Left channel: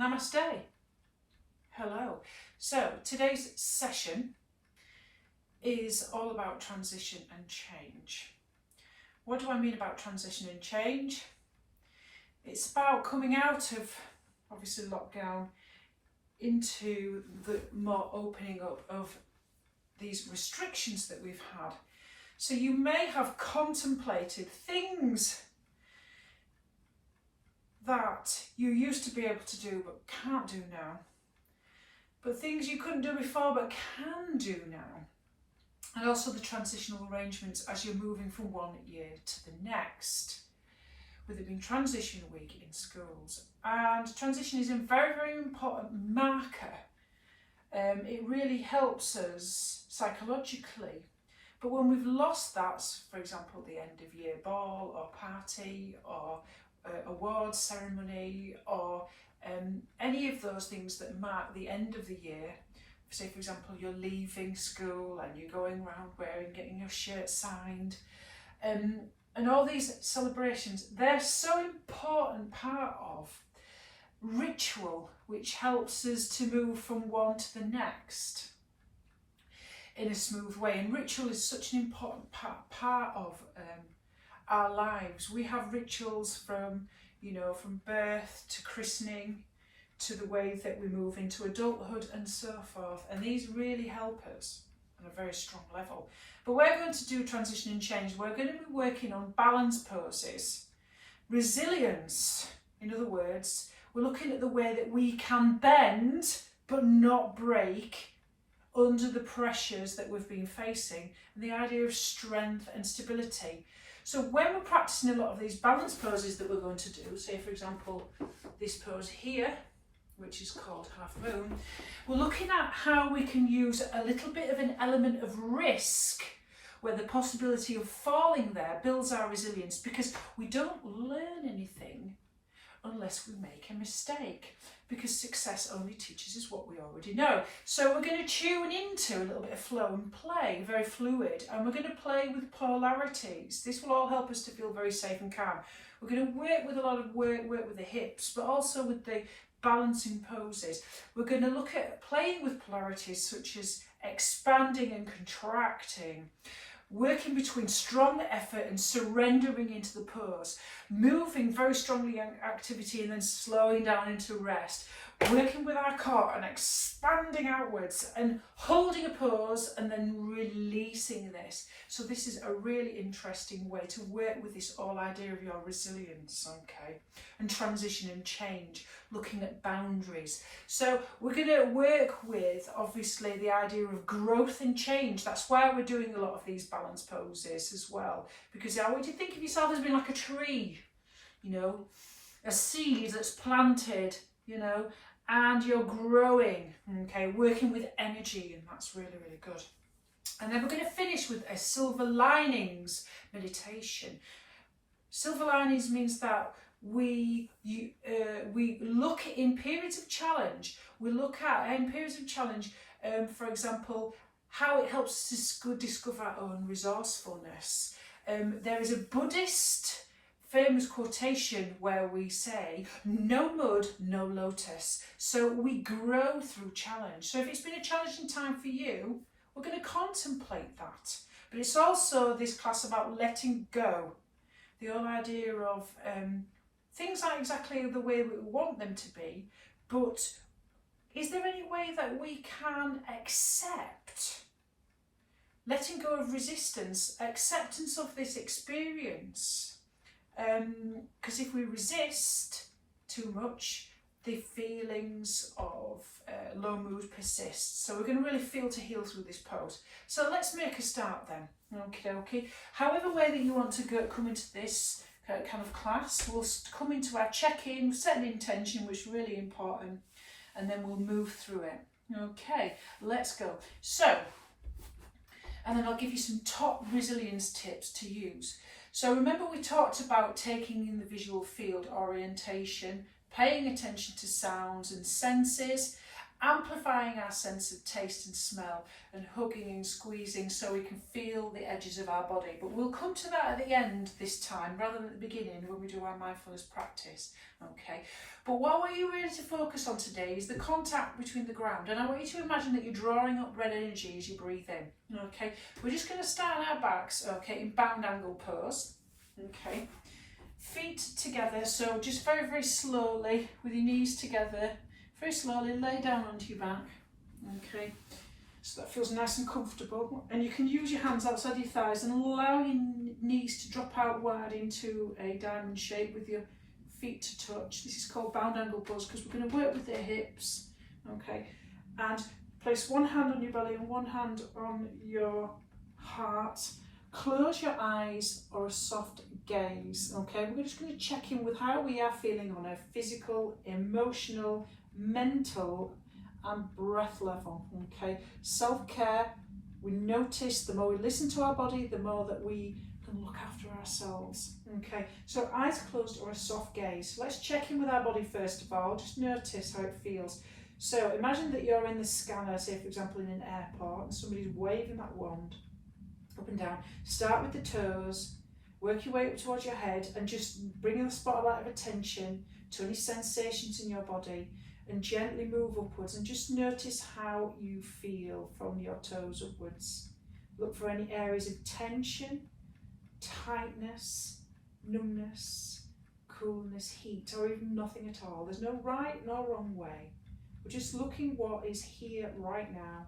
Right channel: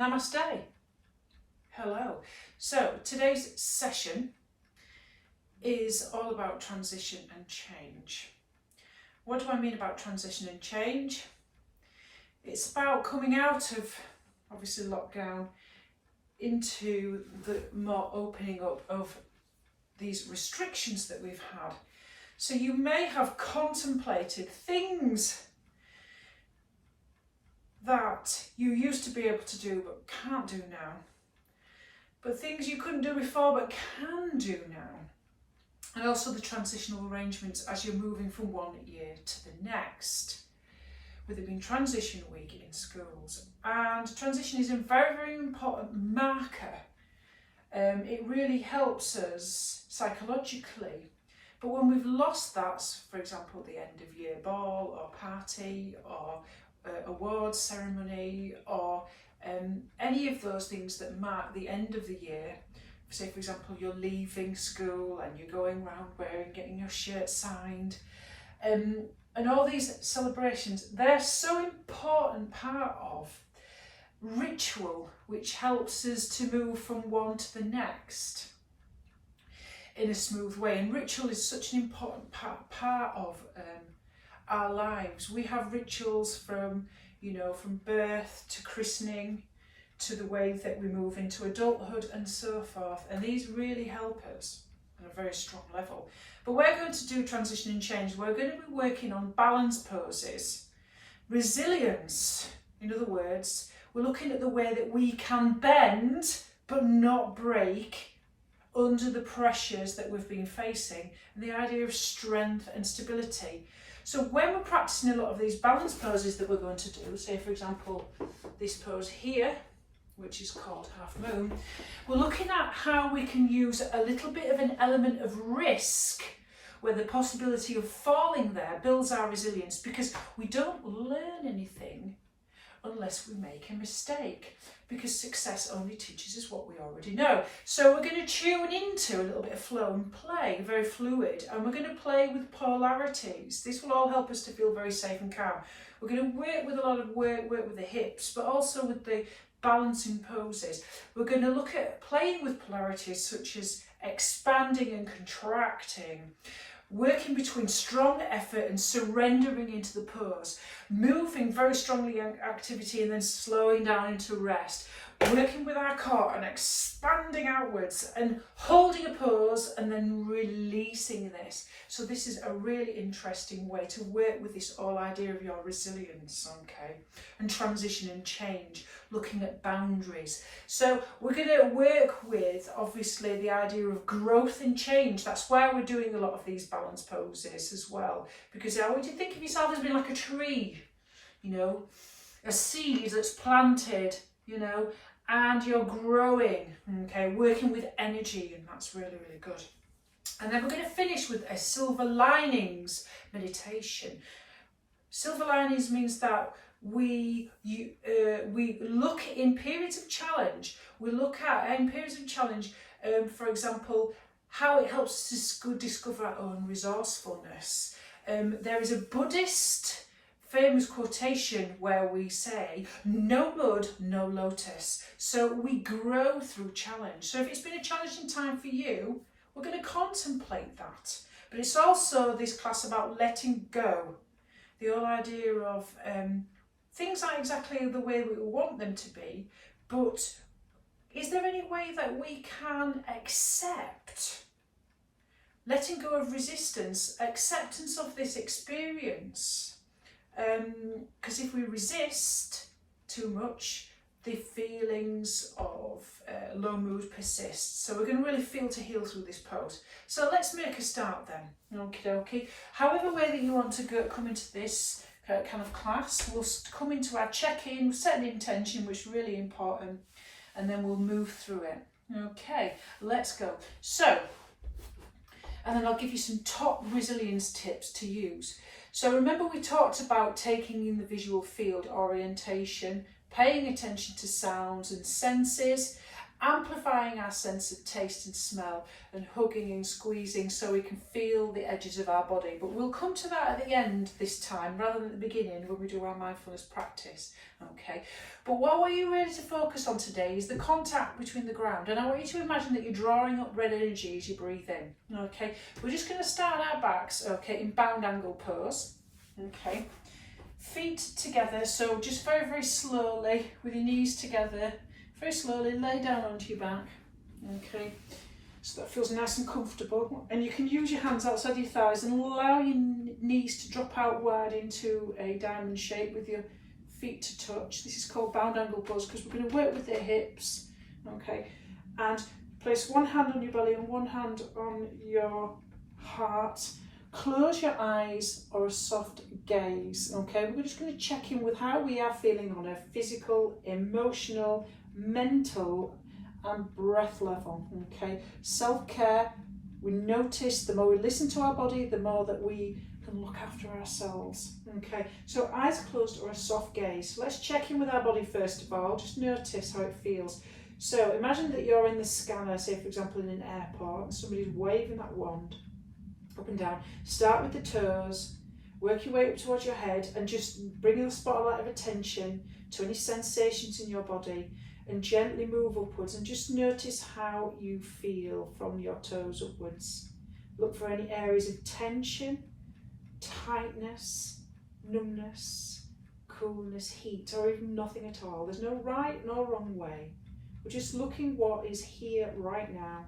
Namaste. Hello. So today's session is all about transition and change. What do I mean about transition and change? It's about coming out of, obviously, lockdown into the more opening up of these restrictions that we've had. So you may have contemplated things that you used to be able to do but can't do now. But things you couldn't do before but can do now. And also the transitional arrangements as you're moving from one year to the next. With it being transition week in schools. And transition is a very, very important marker. It really helps us psychologically. But when we've lost that, for example, the end of year ball or party or awards ceremony or any of those things that mark the end of the year, say for example you're leaving school and you're going around getting your shirt signed, and all these celebrations, they're so important part of ritual which helps us to move from one to the next in a smooth way. And ritual is such an important part of our lives. We have rituals from birth to christening to the way that we move into adulthood and so forth, and these really help us on a very strong level. But we're going to do transition and change. We're going to be working on balance poses, resilience. In other words, we're looking at the way that we can bend but not break under the pressures that we've been facing, and the idea of strength and stability. So when we're practicing a lot of these balance poses that we're going to do, say for example this pose here, which is called half moon, we're looking at how we can use a little bit of an element of risk where the possibility of falling there builds our resilience, because we don't learn anything unless we make a mistake, because success only teaches us what we already know. So we're going to tune into a little bit of flow and play, very fluid, and we're going to play with polarities. This will all help us to feel very safe and calm. We're going to work with a lot of work with the hips, but also with the balancing poses. We're going to look at playing with polarities such as expanding and contracting, working between strong effort and surrendering into the pose, moving very strongly in activity and then slowing down into rest, working with our core and expanding outwards and holding a pose and then releasing this. So this is a really interesting way to work with this whole idea of your resilience, okay, and transition and change, looking at boundaries. So we're going to work with, obviously, the idea of growth and change. That's why we're doing a lot of these balance poses as well, because I want you to think of yourself as being like a tree, a seed that's planted, and you're growing, okay, working with energy, and that's really, really good. And then we're going to finish with a silver linings meditation. Silver linings means that we look in periods of challenge. We look at in periods of challenge, for example, how it helps us to discover our own resourcefulness. There is a Buddhist famous quotation where we say, no mud, no lotus. So we grow through challenge. So if it's been a challenging time for you, we're going to contemplate that. But it's also this class about letting go. The whole idea of things aren't exactly the way we want them to be, but is there any way that we can accept? Letting go of resistance, acceptance of this experience. Because if we resist too much, the feelings of low mood persist. So we're going to really feel to heal through this pose. So let's make a start then. Okie dokie. However way that you want to come into this kind of class, we'll come into our check-in, set an intention, which is really important, and then we'll move through it. Okay, let's go. So, and then I'll give you some top resilience tips to use. So remember we talked about taking in the visual field orientation, paying attention to sounds and senses, amplifying our sense of taste and smell, and hugging and squeezing so we can feel the edges of our body. But we'll come to that at the end this time rather than at the beginning when we do our mindfulness practice. Okay, but what I want you really to focus on today is the contact between the ground, and I want you to imagine that you're drawing up red energy as you breathe in. Okay, we're just going to start on our backs, okay, in bound angle pose. Okay, feet together, so just very, very slowly with your knees together, very slowly lay down onto your back. Okay, so that feels nice and comfortable, and you can use your hands outside your thighs and allow your knees to drop out wide into a diamond shape with your feet to touch. This is called bound angle pose because we're going to work with the hips. Okay, and place one hand on your belly and one hand on your heart. Close your eyes or a soft gaze. Okay, we're just going to check in with how we are feeling on a physical, emotional, mental and breath level. Okay, self-care. We notice the more we listen to our body, the more that we can look after ourselves. Okay, so eyes closed or a soft gaze. So let's check in with our body first of all. Just notice how it feels. So imagine that you're in the scanner, say for example in an airport, and somebody's waving that wand up and down. Start with the toes, work your way up towards your head, and just bring the spotlight of attention to any sensations in your body, and gently move upwards and just notice how you feel from your toes upwards. Look for any areas of tension, tightness, numbness, coolness, heat, or even nothing at all. There's no right nor wrong way. We're just looking what is here right now.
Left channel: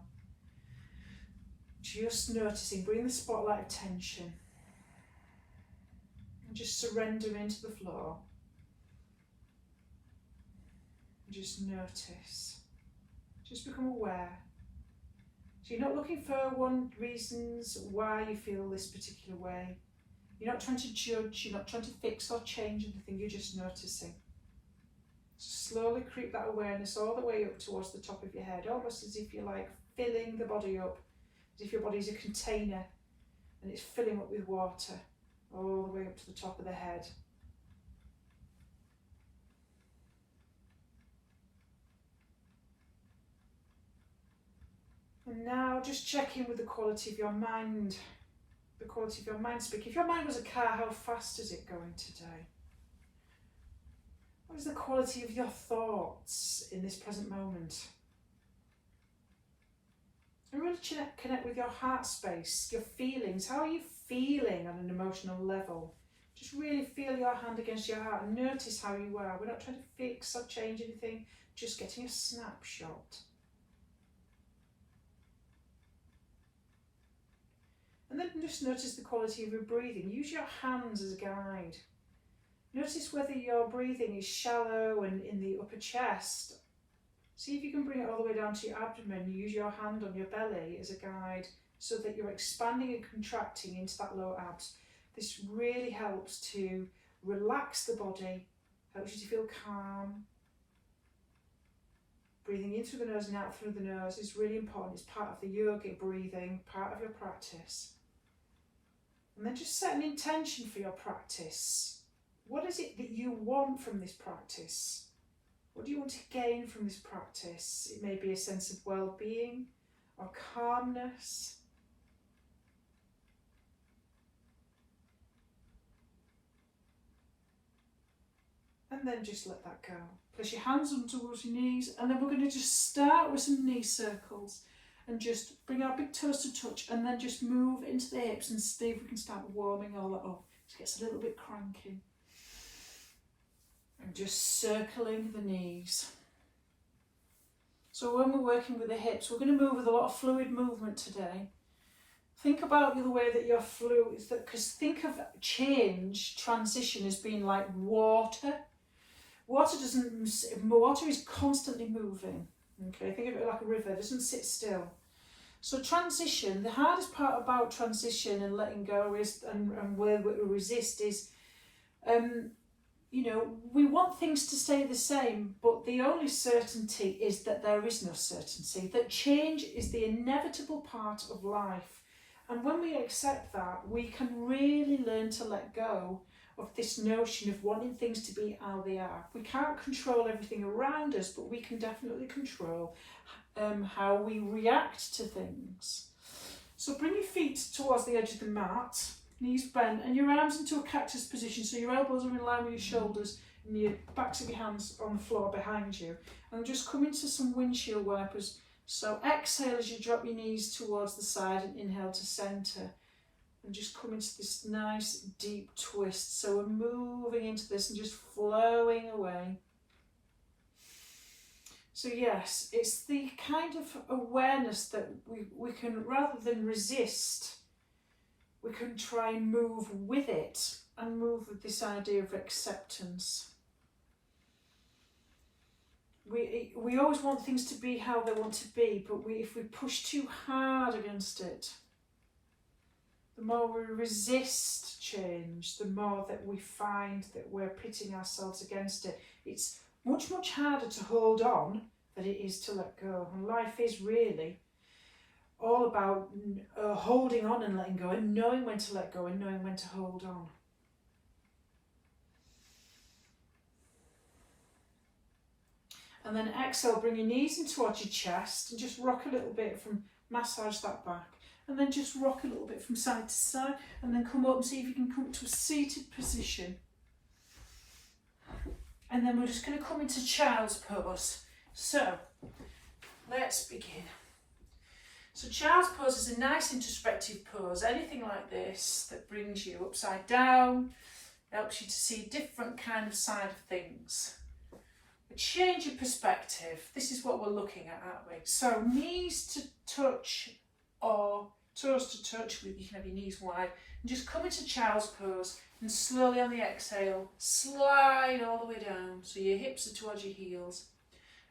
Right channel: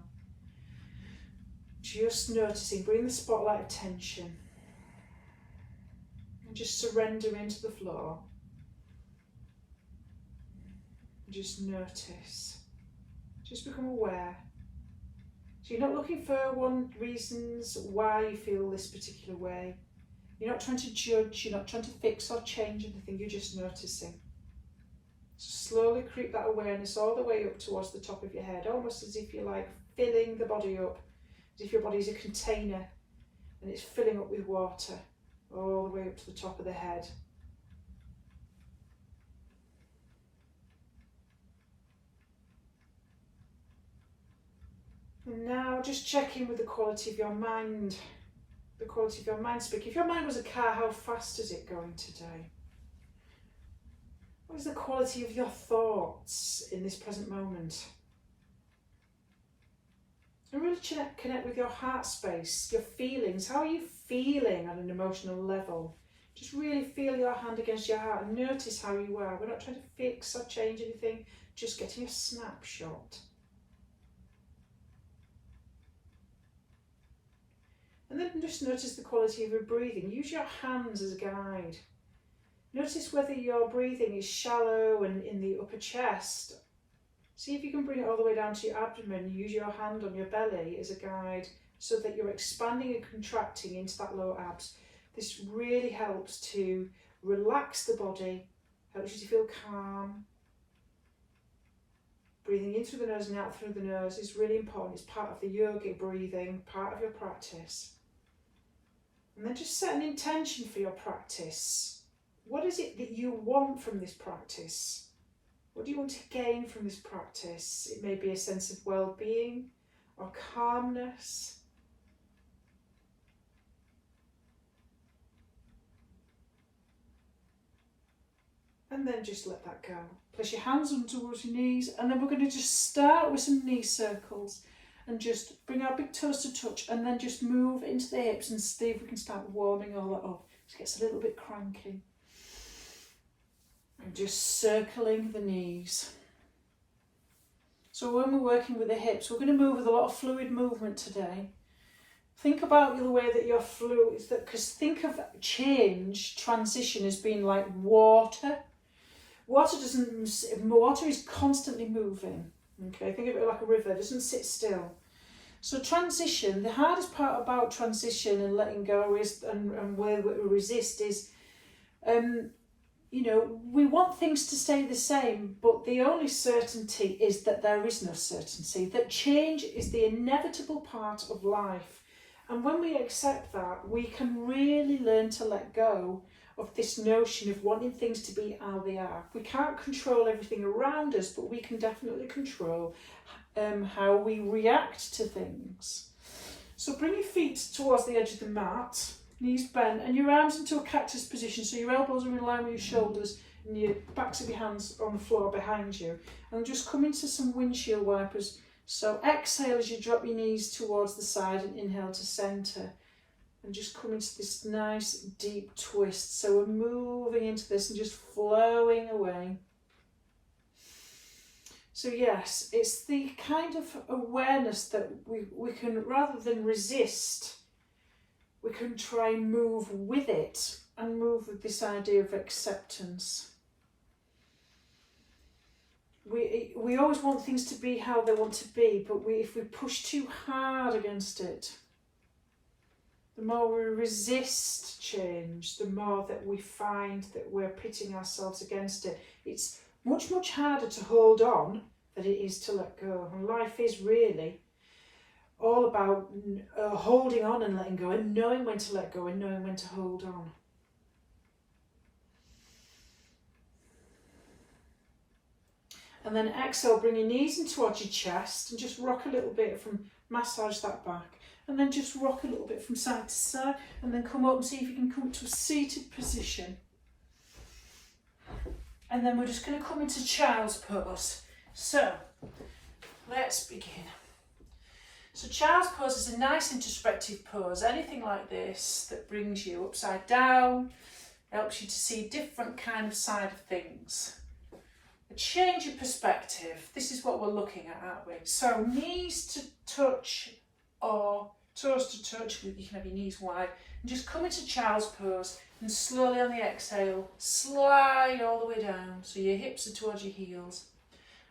Just noticing, bring the spotlight of tension and just surrender into the floor. Just notice, just become aware. So you're not looking for reasons why you feel this particular way. You're not trying to judge, you're not trying to fix or change anything, you're just noticing. So slowly creep that awareness all the way up towards the top of your head, almost as if you're like filling the body up, as if your body is a container and it's filling up with water all the way up to the top of the head. And now just check in with the quality of your mind. The quality of your mind speak. If your mind was a car, how fast is it going today? What is the quality of your thoughts in this present moment? And really connect with your heart space, your feelings. How are you feeling on an emotional level? Just really feel your hand against your heart and notice how you are. We're not trying to fix or change anything, just getting a snapshot. And then just notice the quality of your breathing. Use your hands as a guide. Notice whether your breathing is shallow and in the upper chest. See if you can bring it all the way down to your abdomen. Use your hand on your belly as a guide so that you're expanding and contracting into that lower abs. This really helps to relax the body, helps you to feel calm. Breathing in through the nose and out through the nose is really important. It's part of the yogic breathing, part of your practice. And then just set an intention for your practice. What is it that you want from this practice? What do you want to gain from this practice? It may be a sense of well-being or calmness. And then just let that go. Place your hands on towards your knees, and then we're going to just start with some knee circles and just bring our big toes to touch, and then just move into the hips and see if we can start warming all that up. It gets a little bit cranky. And just circling the knees. So when we're working with the hips, we're going to move with a lot of fluid movement today. Think about the way that you're fluid, because think of change, transition as being like water. Water is constantly moving. Okay, think of it like a river, it doesn't sit still. So transition, the hardest part about transition and letting go is, and where we resist is, we want things to stay the same, but the only certainty is that there is no certainty, that change is the inevitable part of life. And when we accept that, we can really learn to let go of this notion of wanting things to be how they are. We can't control everything around us, but we can definitely control how we react to things. So bring your feet towards the edge of the mat, knees bent, and your arms into a cactus position, so your elbows are in line with your shoulders and your backs of your hands on the floor behind you. And just come into some windshield wipers. So exhale as you drop your knees towards the side and inhale to centre. And just come into this nice deep twist. So we're moving into this and just flowing away. So yes, it's the kind of awareness that we can, rather than resist, we can try and move with it and move with this idea of acceptance. We always want things to be how they want to be, but if we push too hard against it, the more we resist change, the more that we find that we're pitting ourselves against it. It's much, much harder to hold on than it is to let go. And life is really all about holding on and letting go, and knowing when to let go and knowing when to hold on. And then exhale, bring your knees in towards your chest and just rock a little bit, from massage that back. And then just rock a little bit from side to side, and then come up and see if you can come to a seated position. And then we're just going to come into child's pose. So let's begin. So child's pose is a nice introspective pose. Anything like this that brings you upside down, helps you to see a different kind of side of things. A change of perspective. This is what we're looking at, aren't we? So knees to touch or toes to touch, you can have your knees wide, and just come into child's pose, and slowly on the exhale slide all the way down so your hips are towards your heels.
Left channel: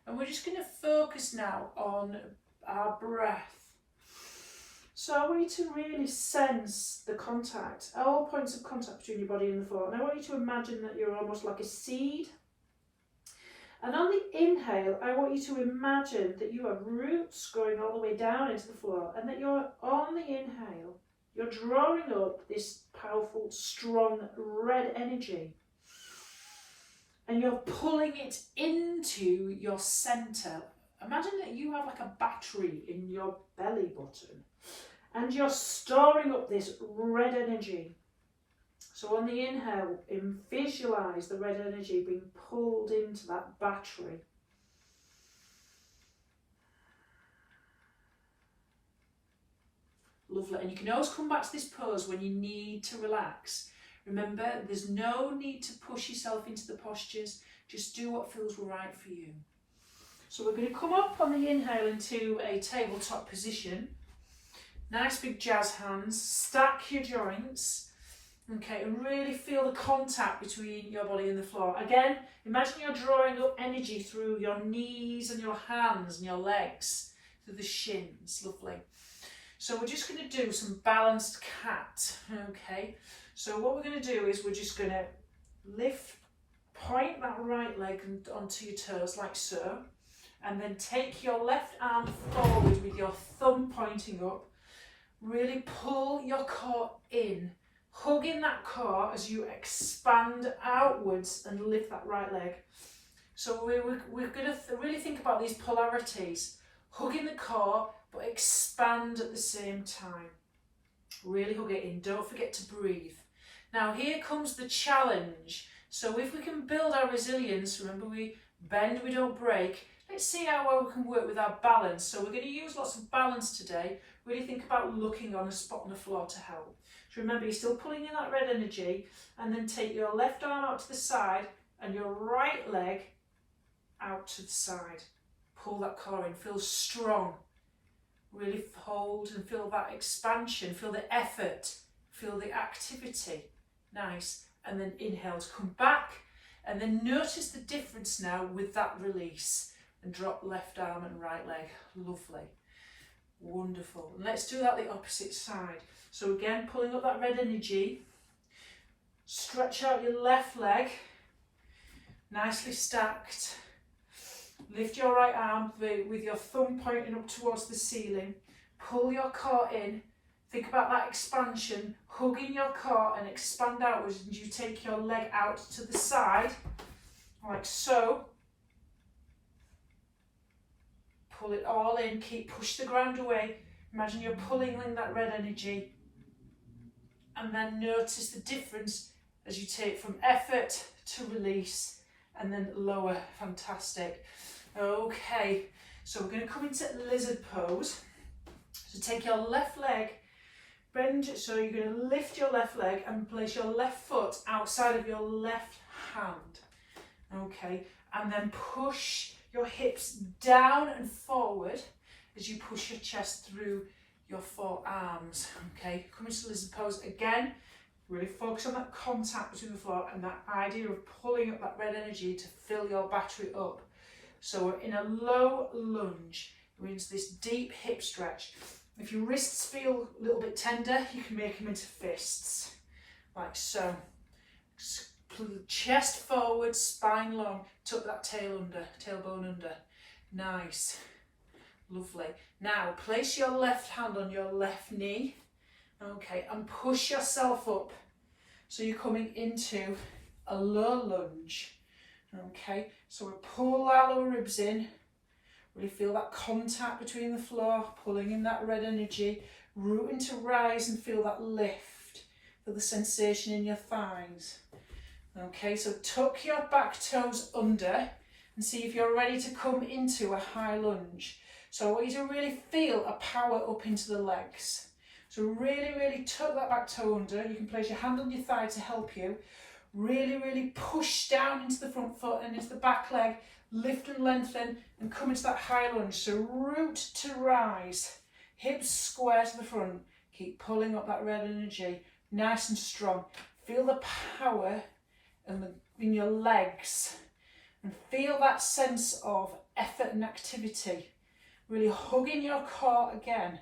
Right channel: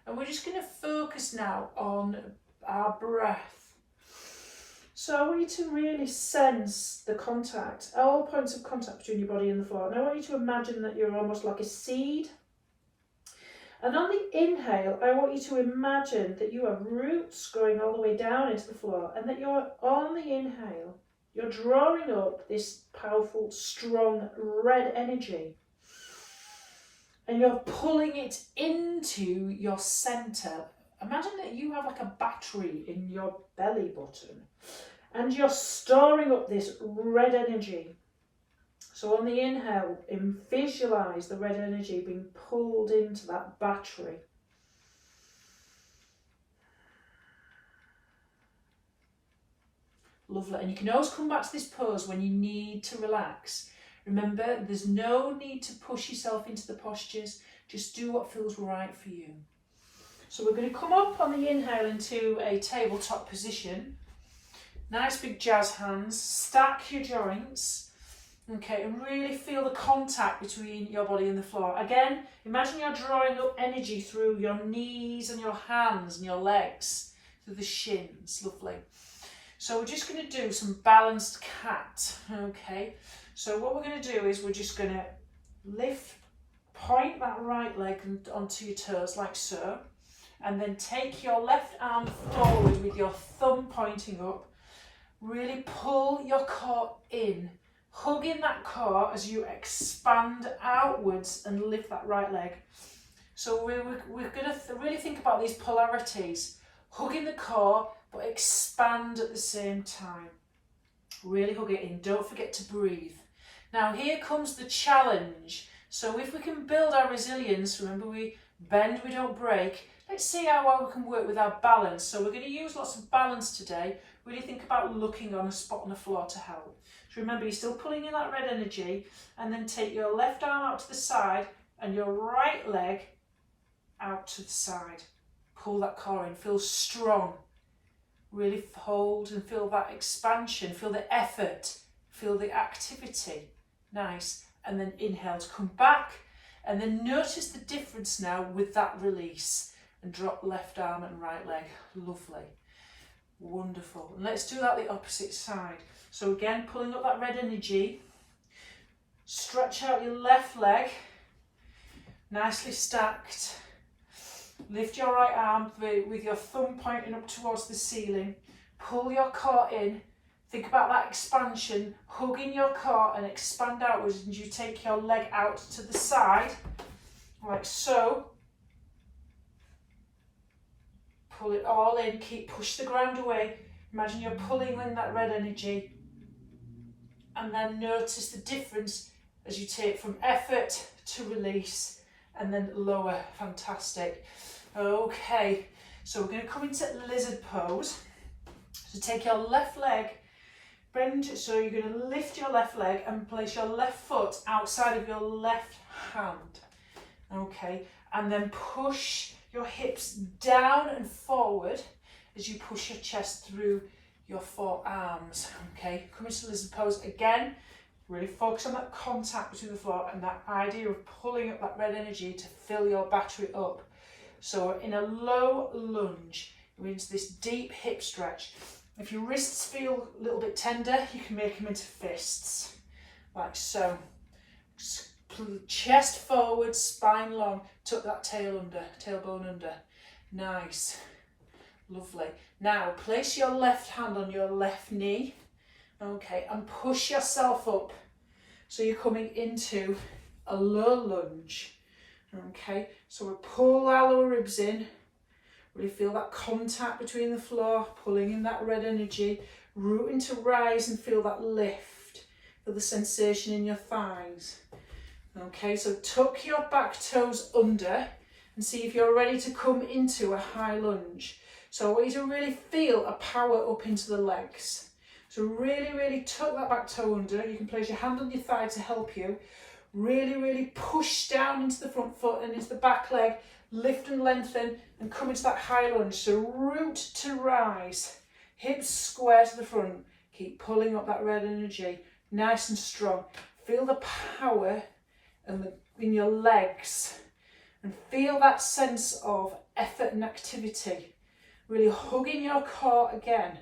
And we're just going to focus now on our breath. So I want you to really sense the contact, all points of contact between your body and the floor. And I want you to imagine that you're almost like a seed. And on the inhale, I want you to imagine that you have roots growing all the way down into the floor, and that you're on the inhale, you're drawing up this powerful, strong red energy, and you're pulling it into your centre. Imagine that you have like a battery in your belly button, and you're storing up this red energy. So on the inhale, visualise the red energy being pulled into that battery. Lovely. And you can always come back to this pose when you need to relax. Remember, there's no need to push yourself into the postures. Just do what feels right for you. So we're going to come up on the inhale into a tabletop position. Nice big jazz hands. Stack your joints. Okay, and really feel the contact between your body and the floor. Again, imagine you're drawing up energy through your knees and your hands and your legs, through the shins. Lovely. So we're just going to do some balanced cat. Okay, so what we're going to do is we're just going to point that right leg onto your toes like so, and then take your left arm forward with your thumb pointing up. Really pull your core in. Hug in that core as you expand outwards and lift that right leg. So we're going to really think about these polarities. Hug in the core, but expand at the same time. Really hug it in. Don't forget to breathe. Now here comes the challenge. So if we can build our resilience, remember we bend, we don't break. Let's see how well we can work with our balance. So we're going to use lots of balance today. Really think about looking on a spot on the floor to help. So remember, you're still pulling in that red energy, and then take your left arm out to the side and your right leg out to the side. Pull that core in, feel strong. Really hold and feel that expansion, feel the effort, feel the activity. Nice. And then inhale to come back, and then notice the difference now with that release, and drop left arm and right leg. Lovely. Wonderful. And let's do that the opposite side. So again, pulling up that red energy, stretch out your left leg, nicely stacked. Lift your right arm with your thumb pointing up towards the ceiling. Pull your core in, Think about that expansion, hugging your core and expand outwards, and you take your leg out to the side, like so. Pull it all in, push the ground away. Imagine you're pulling in that red energy, and then notice the difference as you take from effort to release and then lower. Fantastic. Okay, so we're going to come into lizard pose. So take your left leg, bend, so you're going to lift your left leg and place your left foot outside of your left hand. Okay, and then push your hips down and forward as you push your chest through your forearms. Okay, come into lizard pose again. Really focus on that contact between the floor and that idea of pulling up that red energy to fill your battery up. So in a low lunge, you're into this deep hip stretch. If your wrists feel a little bit tender, you can make them into fists, like so. Chest forward, spine long, tuck that tailbone under. Nice, lovely. Now place your left hand on your left knee, okay, and push yourself up. So you're coming into a low lunge, okay. So we pull our lower ribs in, really feel that contact between the floor, pulling in that red energy, rooting to rise and feel that lift, feel the sensation in your thighs. Okay, so tuck your back toes under and see if you're ready to come into a high lunge. So I want you to really feel a power up into the legs. So really tuck that back toe under. You can place your hand on your thigh to help you. Really push down into the front foot and into the back leg. Lift and lengthen and come into that high lunge. So root to rise. Hips square to the front. Keep pulling up that red energy. Nice and strong. Feel the power in your legs and feel that sense of effort and activity. Really hugging your core again.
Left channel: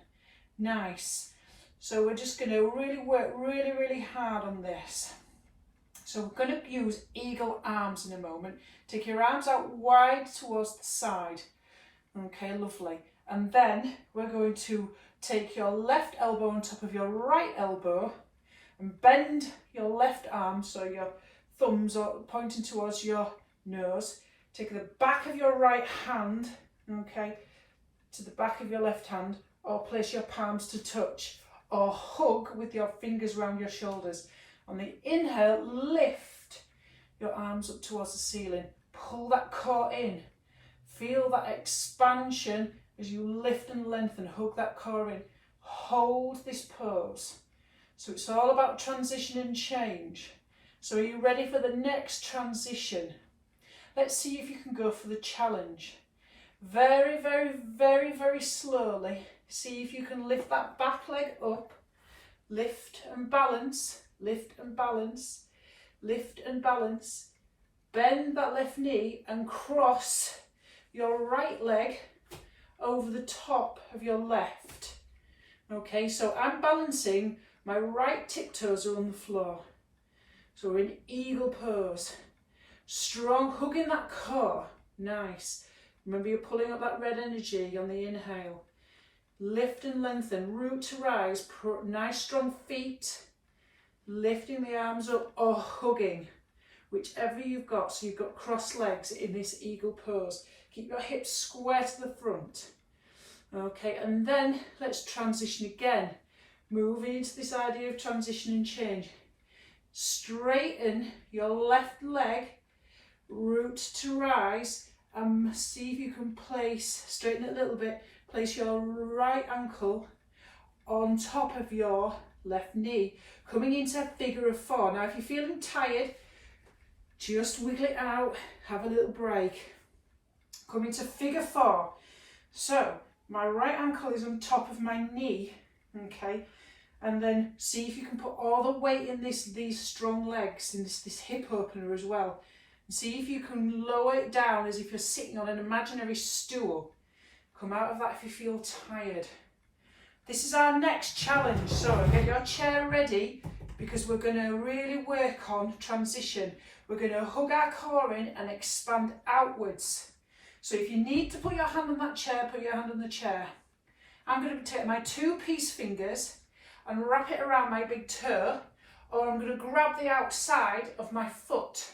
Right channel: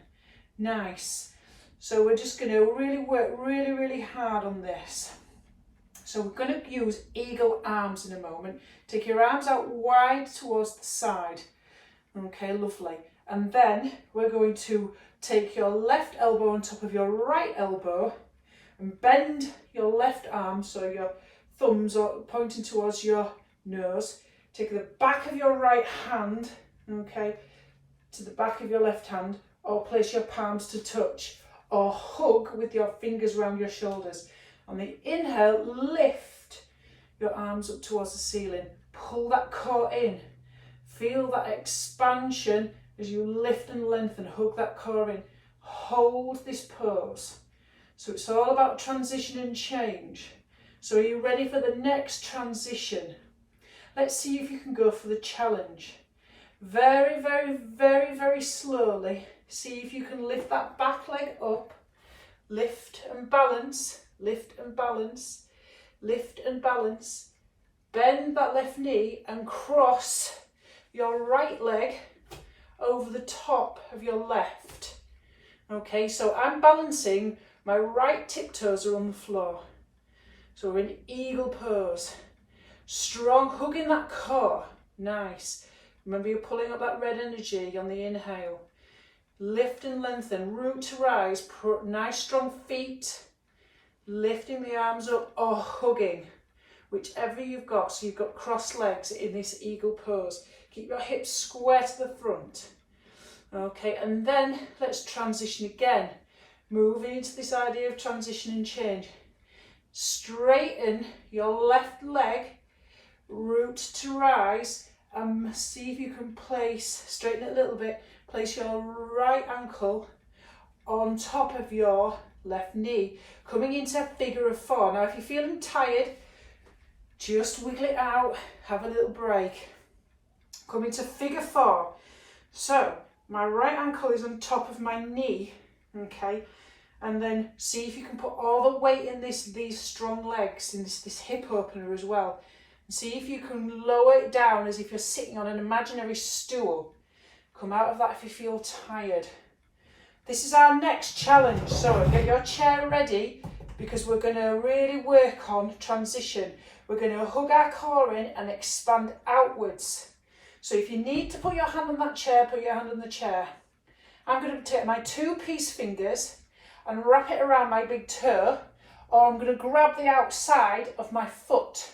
Nice. So we're just going to really work really hard on this. So we're going to use eagle arms in a moment. Take your arms out wide towards the side. Okay, lovely. And then we're going to take your left elbow on top of your right elbow and bend your left arm, so your thumbs are pointing towards your nose. Take the back of your right hand, okay, to the back of your left hand, or place your palms to touch, or hug with your fingers around your shoulders. On the inhale, lift your arms up towards the ceiling. Pull that core in. Feel that expansion as you lift and lengthen. Hug that core in. Hold this pose. So it's all about transition and change. So are you ready for the next transition? Let's see if you can go for the challenge. Very slowly. See if you can lift that back leg up. Lift and balance. Lift and balance. Lift and balance. Bend that left knee and cross your right leg over the top of your left. Okay, so I'm balancing. My right tiptoes are on the floor. So we're in eagle pose. Strong, hugging that core. Nice. Remember, you're pulling up that red energy on the inhale. Lift and lengthen, root to rise. Nice strong feet. Lifting the arms up or hugging, whichever you've got. So you've got crossed legs in this eagle pose. Keep your hips square to the front. Okay, and then let's transition again. Moving into this idea of transition and change. Straighten your left leg, root to rise, and see if you can straighten it a little bit, place your right ankle on top of your left knee, coming into a figure of four. Now if you're feeling tired, just wiggle it out, have a little break. Come into figure four. So my right ankle is on top of my knee, okay? And then see if you can put all the weight in these strong legs, in this hip opener as well. And see if you can lower it down as if you're sitting on an imaginary stool. Come out of that if you feel tired. This is our next challenge. So get your chair ready because we're going to really work on transition. We're going to hug our core in and expand outwards. So if you need to put your hand on that chair, put your hand on the chair. I'm going to take my 2 peace fingers and wrap it around my big toe, or I'm going to grab the outside of my foot.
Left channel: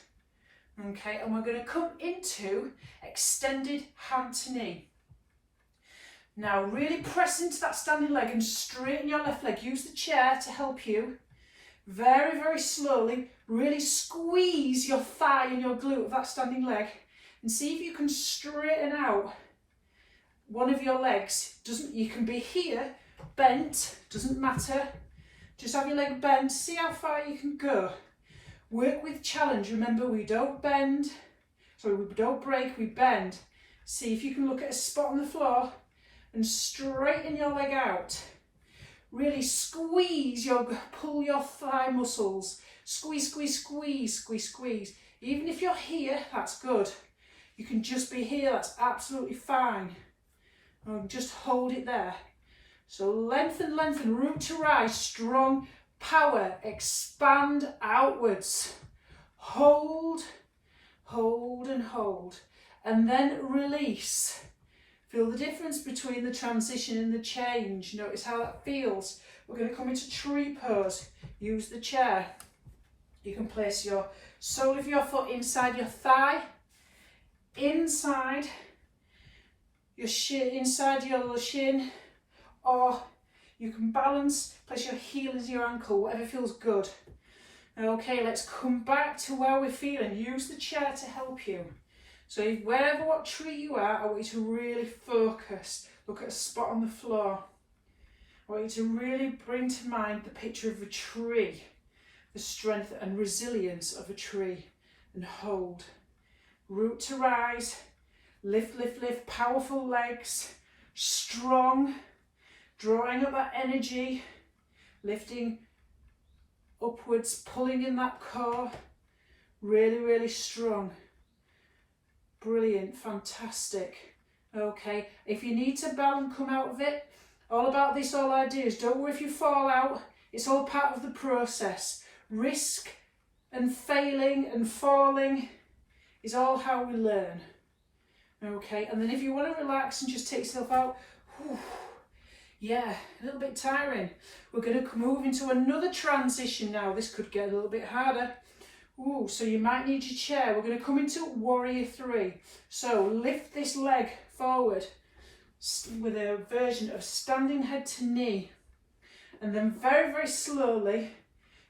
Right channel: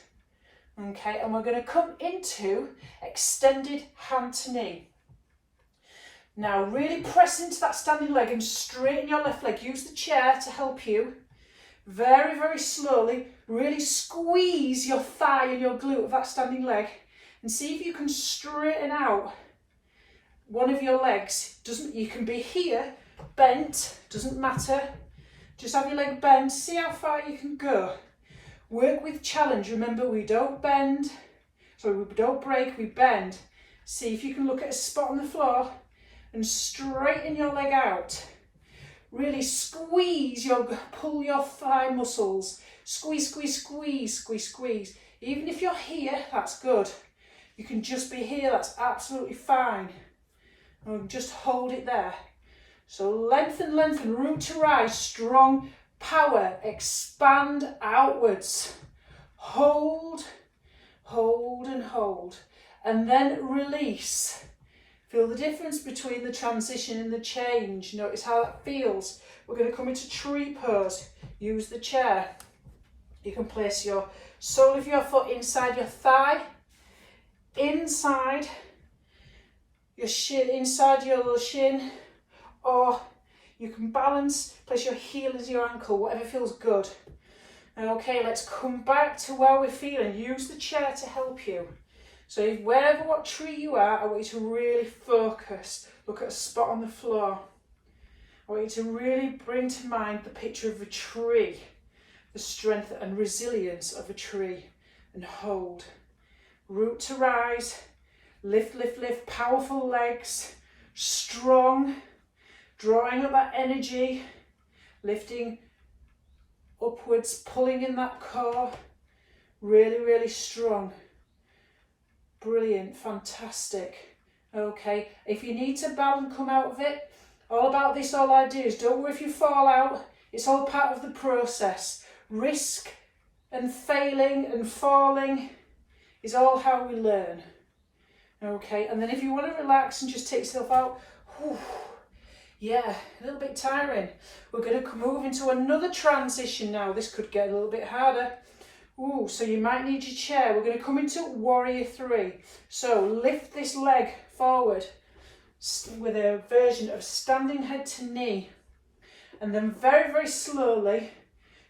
Okay, and we're going to come into extended hand to knee. Now really press into that standing leg and straighten your left leg. Use the chair to help you. Very, very slowly, really squeeze your thigh and your glute of that standing leg and see if you can straighten out one of your legs. You can be here, bent, doesn't matter. Just have your leg bent, see how far you can go. Work with challenge. Remember, we don't bend, sorry, we don't break, we bend. See if you can look at a spot on the floor and straighten your leg out. Really squeeze pull your thigh muscles. Squeeze, squeeze, squeeze, squeeze, squeeze. Even if you're here, that's good. You can just be here, that's absolutely fine. And just hold it there. So lengthen, lengthen, root to rise, strong power, expand outwards. Hold, hold and hold. And then release. Feel the difference between the transition and the change. Notice how that feels. We're going to come into tree pose. Use the chair. You can place your sole of your foot inside your thigh, inside your shin, inside your little shin, or you can balance, place your heel as your ankle, whatever feels good. Okay, let's come back to where we're feeling. Use the chair to help you. So wherever what tree you are, I want you to really focus. Look at a spot on the floor. I want you to really bring to mind the picture of a tree, the strength and resilience of a tree, and hold. Root to rise, lift, lift, lift, powerful legs, strong, drawing up that energy, lifting upwards, pulling in that core, really, really strong. Brilliant, fantastic. Okay, if you need to bow and come out of it, all about this, all I do is don't worry if you fall out, it's all part of the process. Risk and failing and falling is all how we learn. Okay, and then if you want to relax and just take yourself out, whew, yeah, a little bit tiring. We're going to move into another transition now. This could get a little bit harder. Ooh, so you might need your chair. We're going to come into warrior 3. So lift this leg forward with a version of standing head to knee. And then very, very slowly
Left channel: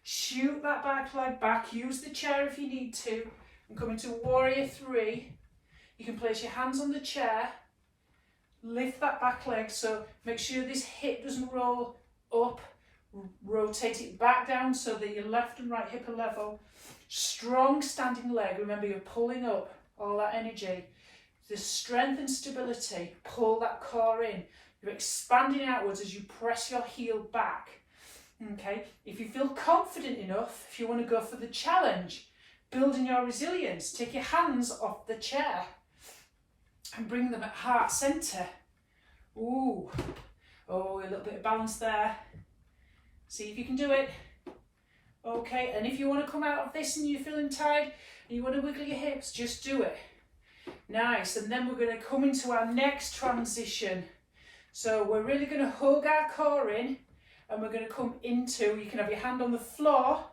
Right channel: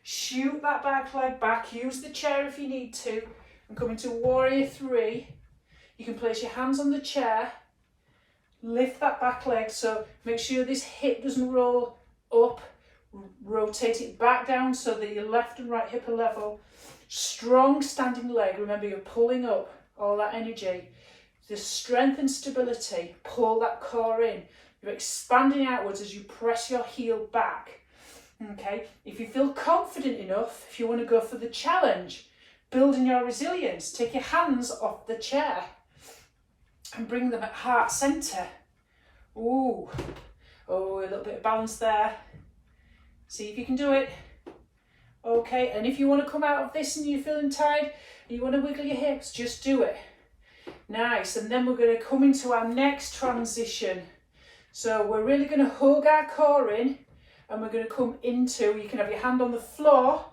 shoot that back leg back. Use the chair if you need to. And come into warrior 3. You can place your hands on the chair. Lift that back leg. So make sure this hip doesn't roll up. Rotate it back down so that your left and right hip are level. Strong standing leg. Remember, you're pulling up all that energy. The strength and stability. Pull that core in. You're expanding outwards as you press your heel back. Okay. If you feel confident enough, if you want to go for the challenge, building your resilience, take your hands off the chair and bring them at heart centre. Ooh. Oh, a little bit of balance there. See if you can do it. Okay, and if you want to come out of this and you're feeling tired, and you want to wiggle your hips, just do it. Nice, and then we're going to come into our next transition. So we're really going to hug our core in, and we're going to come into, you can have your hand on the floor,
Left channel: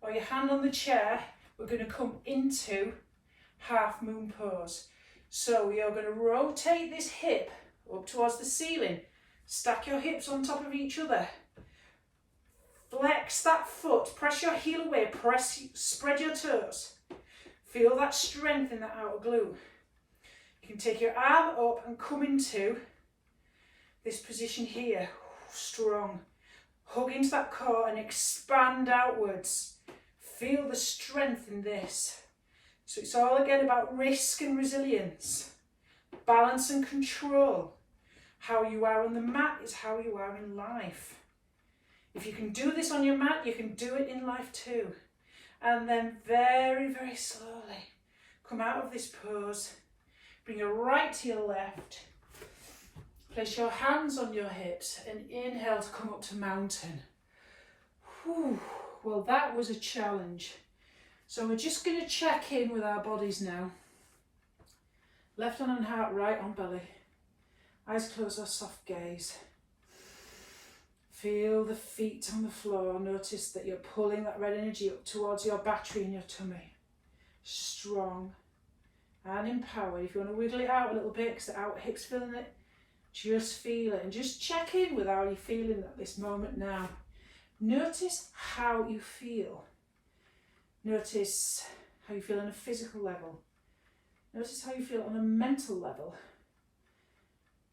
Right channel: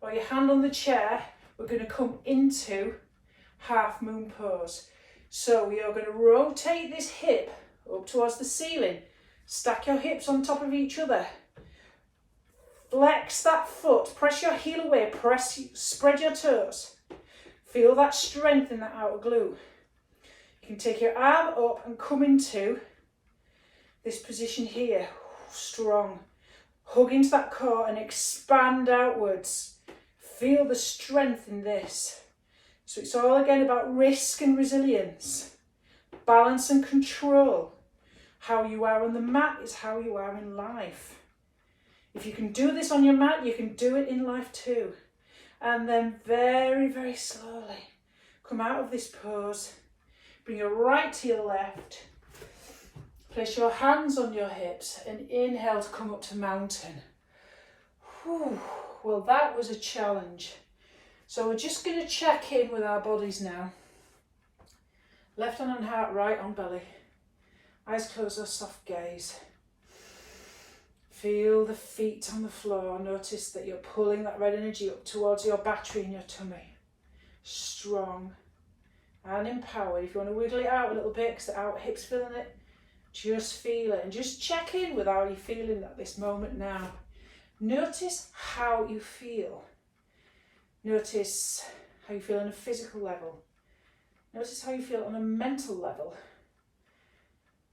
or your hand on the chair. We're going to come into half moon pose. So you're going to rotate this hip up towards the ceiling. Stack your hips on top of each other. Flex that foot, press your heel away, spread your toes. Feel that strength in that outer glute. You can take your arm up and come into this position here. Strong. Hug into that core and expand outwards. Feel the strength in this. So it's all again about risk and resilience. Balance and control. How you are on the mat is how you are in life. If you can do this on your mat, you can do it in life too. And then very, very slowly come out of this pose. Bring your right to your left. Place your hands on your hips and inhale to come up to mountain. Whew. Well, that was a challenge. So we're just going to check in with our bodies now. Left hand on heart, right on belly. Eyes closed or soft gaze. Feel the feet on the floor. Notice that you're pulling that red energy up towards your battery in your tummy. Strong and empowered. If you want to wiggle it out a little bit, because the out hip's feeling it, just feel it and just check in with how you're feeling at this moment now. Notice how you feel. Notice how you feel on a physical level. Notice how you feel on a mental level.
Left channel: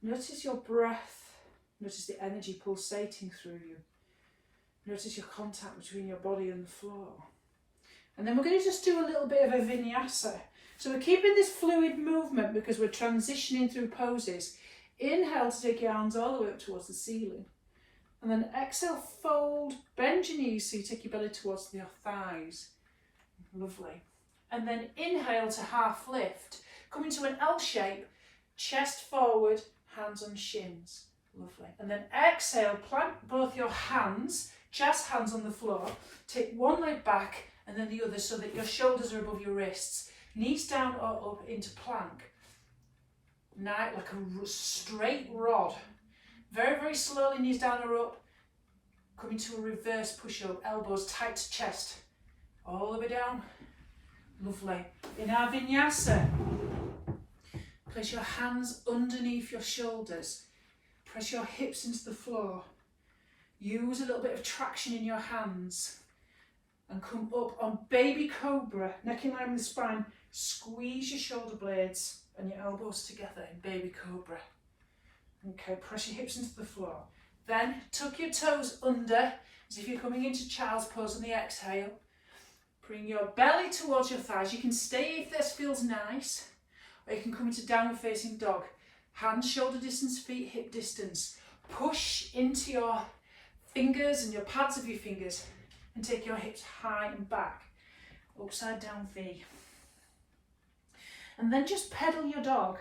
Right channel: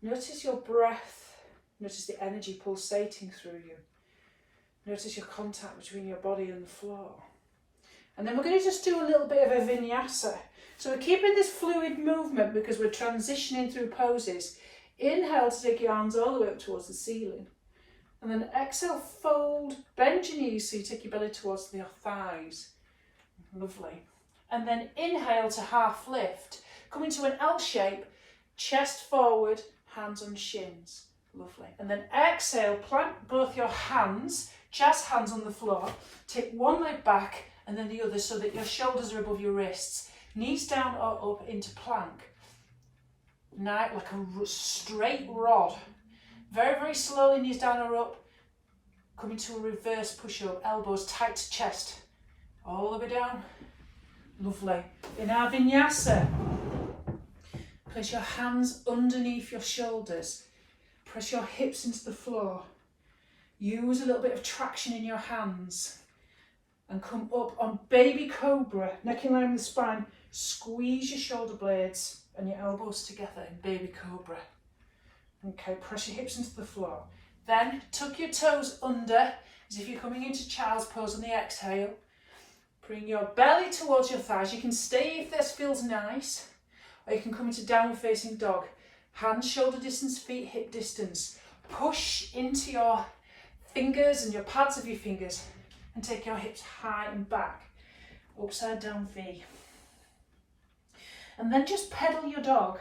Notice your breath. Notice the energy pulsating through you. Notice your contact between your body and the floor. And then we're going to just do a little bit of a vinyasa. So we're keeping this fluid movement because we're transitioning through poses. Inhale to take your hands all the way up towards the ceiling. And then exhale, fold, bend your knees so you take your belly towards your thighs. Lovely. And then inhale to half lift. Come into an L shape, chest forward, hands on shins. Lovely. And then exhale, plant both your hands, chest hands on the floor. Take one leg back and then the other so that your shoulders are above your wrists. Knees down or up into plank. Now, like a straight rod. Very, very slowly, knees down or up. Come into a reverse push-up, elbows tight to chest. All the way down. Lovely. In our vinyasa, place your hands underneath your shoulders. Press your hips into the floor. Use a little bit of traction in your hands. And come up on baby cobra, neck in line with the spine. Squeeze your shoulder blades and your elbows together in baby cobra. Okay, press your hips into the floor. Then tuck your toes under as if you're coming into child's pose on the exhale. Bring your belly towards your thighs. You can stay if this feels nice, or you can come into downward facing dog. Hands shoulder distance, feet hip distance. Push into your fingers and your pads of your fingers and take your hips high and back. Upside down V. And then just pedal your dog.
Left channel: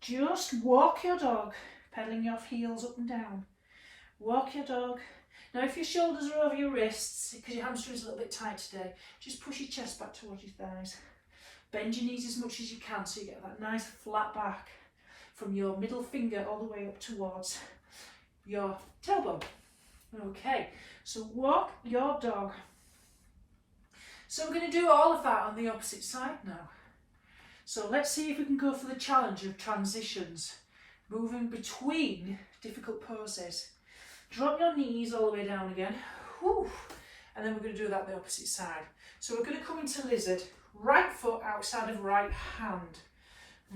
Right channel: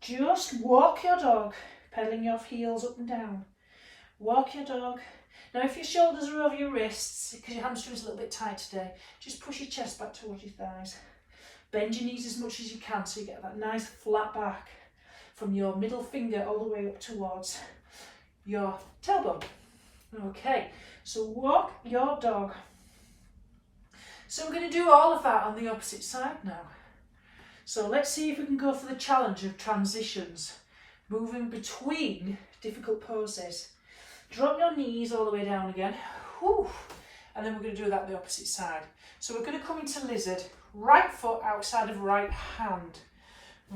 Just walk your dog, pedaling your heels up and down. Walk your dog. Now if your shoulders are over your wrists, because your hamstring's a little bit tight today, just push your chest back towards your thighs. Bend your knees as much as you can so you get that nice flat back from your middle finger all the way up towards your tailbone. Okay, so walk your dog. So we're going to do all of that on the opposite side now. So let's see if we can go for the challenge of transitions, moving between difficult poses. Drop your knees all the way down again. Whew. And then we're going to do that on the opposite side. So we're going to come into lizard, right foot outside of right hand.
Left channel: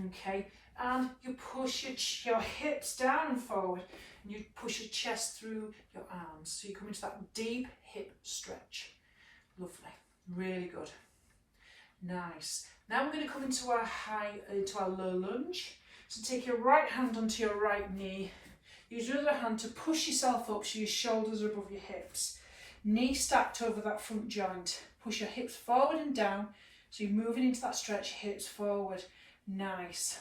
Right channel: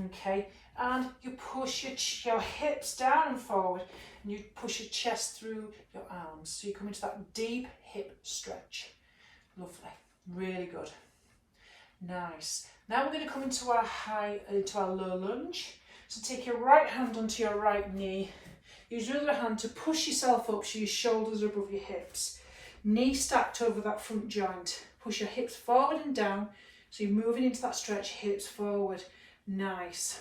Okay, and you push your hips down and forward, and you push your chest through your arms. So you come into that deep hip stretch. Lovely, really good. Nice. Now we're going to come into our low lunge. So take your right hand onto your right knee. Use your other hand to push yourself up so your shoulders are above your hips. Knee stacked over that front joint. Push your hips forward and down. So you're moving into that stretch, hips forward. Nice.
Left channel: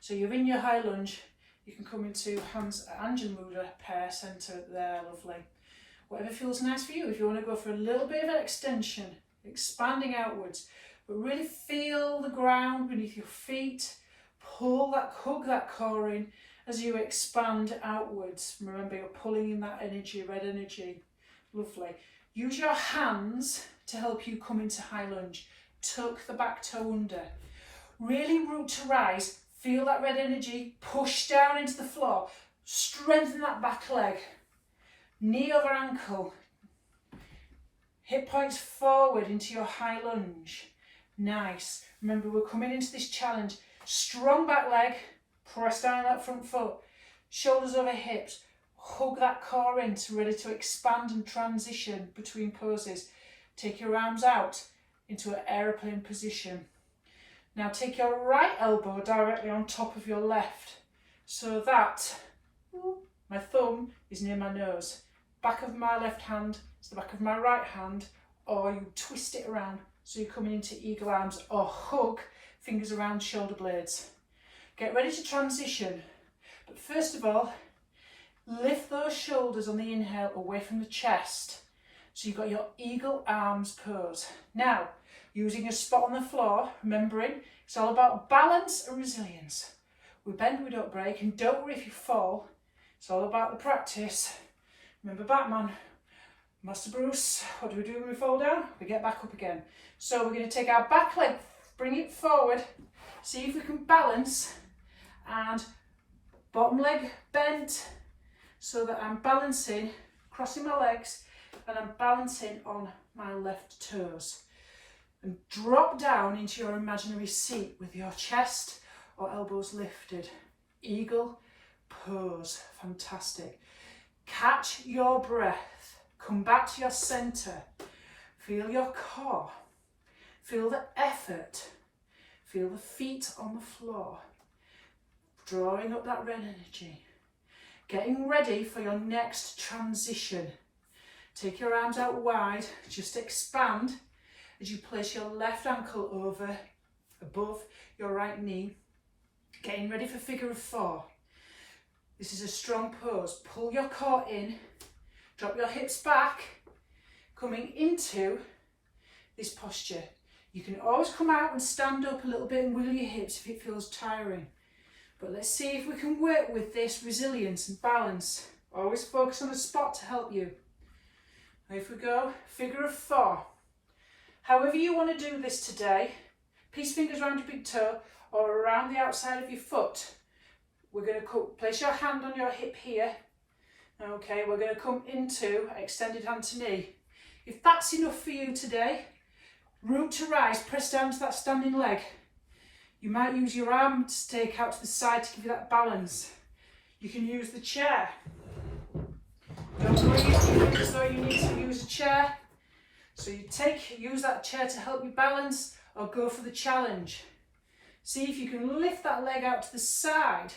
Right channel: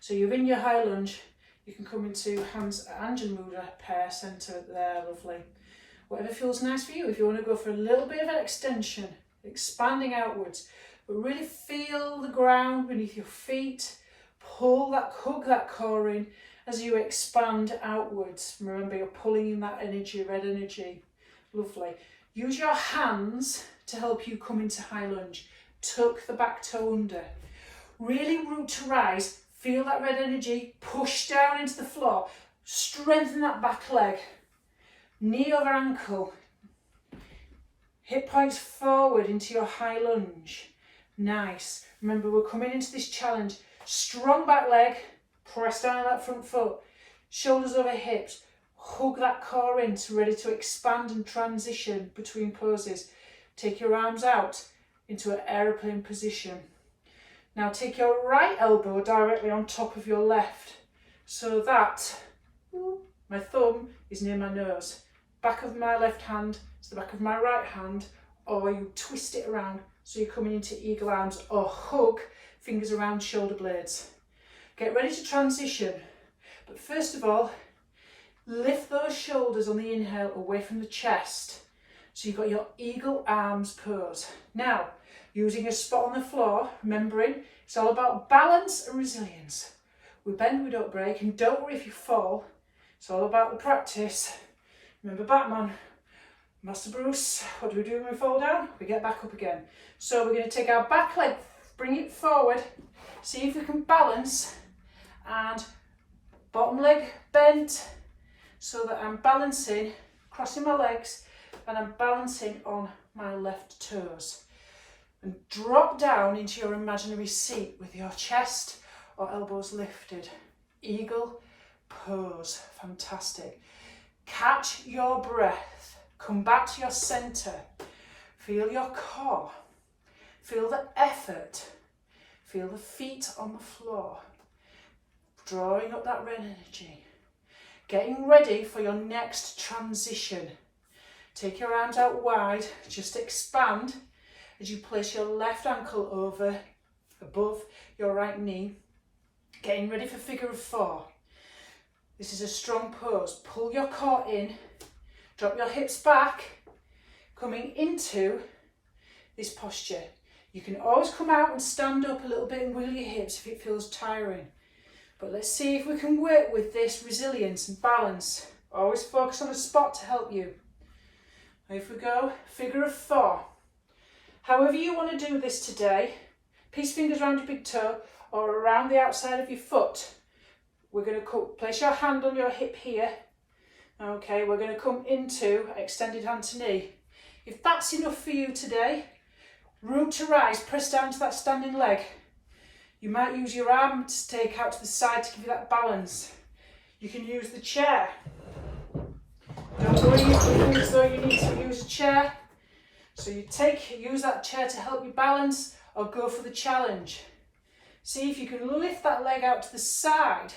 So you're in your high lunge. You can come into hands Anjan Mudra, pair center there, lovely. Whatever feels nice for you. If you want to go for a little bit of an extension, expanding outwards, but really feel the ground beneath your feet. Hug that core in as you expand outwards. Remember, you're pulling in that energy, red energy. Lovely. Use your hands to help you come into high lunge. Tuck the back toe under. Really root to rise. Feel that red energy. Push down into the floor. Strengthen that back leg. Knee over ankle. Hip points forward into your high lunge. Nice. Remember, we're coming into this challenge. Strong back leg. Press down that front foot. Shoulders over hips. Hug that core in to ready to expand and transition between poses. Take your arms out into an aeroplane position. Now take your right elbow directly on top of your left so that my thumb is near my nose. Back of my left hand is the back of my right hand, or you twist it around so you're coming into eagle arms, or hug, fingers around shoulder blades. Get ready to transition, but first of all, lift those shoulders on the inhale away from the chest. So you've got your eagle arms pose. Now, using a spot on the floor, remembering it's all about balance and resilience. We bend, we don't break, and don't worry if you fall. It's all about the practice. Remember Batman, Master Bruce, what do we do when we fall down? We get back up again. So we're going to take our back leg, bring it forward, see if we can balance, and bottom leg bent so that I'm balancing, crossing my legs, and I'm balancing on my left toes. And drop down into your imaginary seat with your chest or elbows lifted. Eagle pose, fantastic. Catch your breath, come back to your center, feel your core, feel the effort, feel the feet on the floor, drawing up that red energy, getting ready for your next transition. Take your arms out wide, just expand as you place your left ankle over, above your right knee, getting ready for figure of 4. This is a strong pose. Pull your core in, drop your hips back, coming into this posture. You can always come out and stand up a little bit and wiggle your hips if it feels tiring. But let's see if we can work with this resilience and balance. Always focus on a spot to help you. If we go, figure of 4. However you want to do this today, peace fingers around your big toe or around the outside of your foot. We're going to place your hand on your hip here. Okay, we're going to come into extended hand to knee. If that's enough for you today, root to rise, press down to that standing leg. You might use your arm to take out to the side to give you that balance. You can use the chair. Don't worry if you think as though you need to use a chair. So you use that chair to help you balance or go for the challenge. See if you can lift that leg out to the side.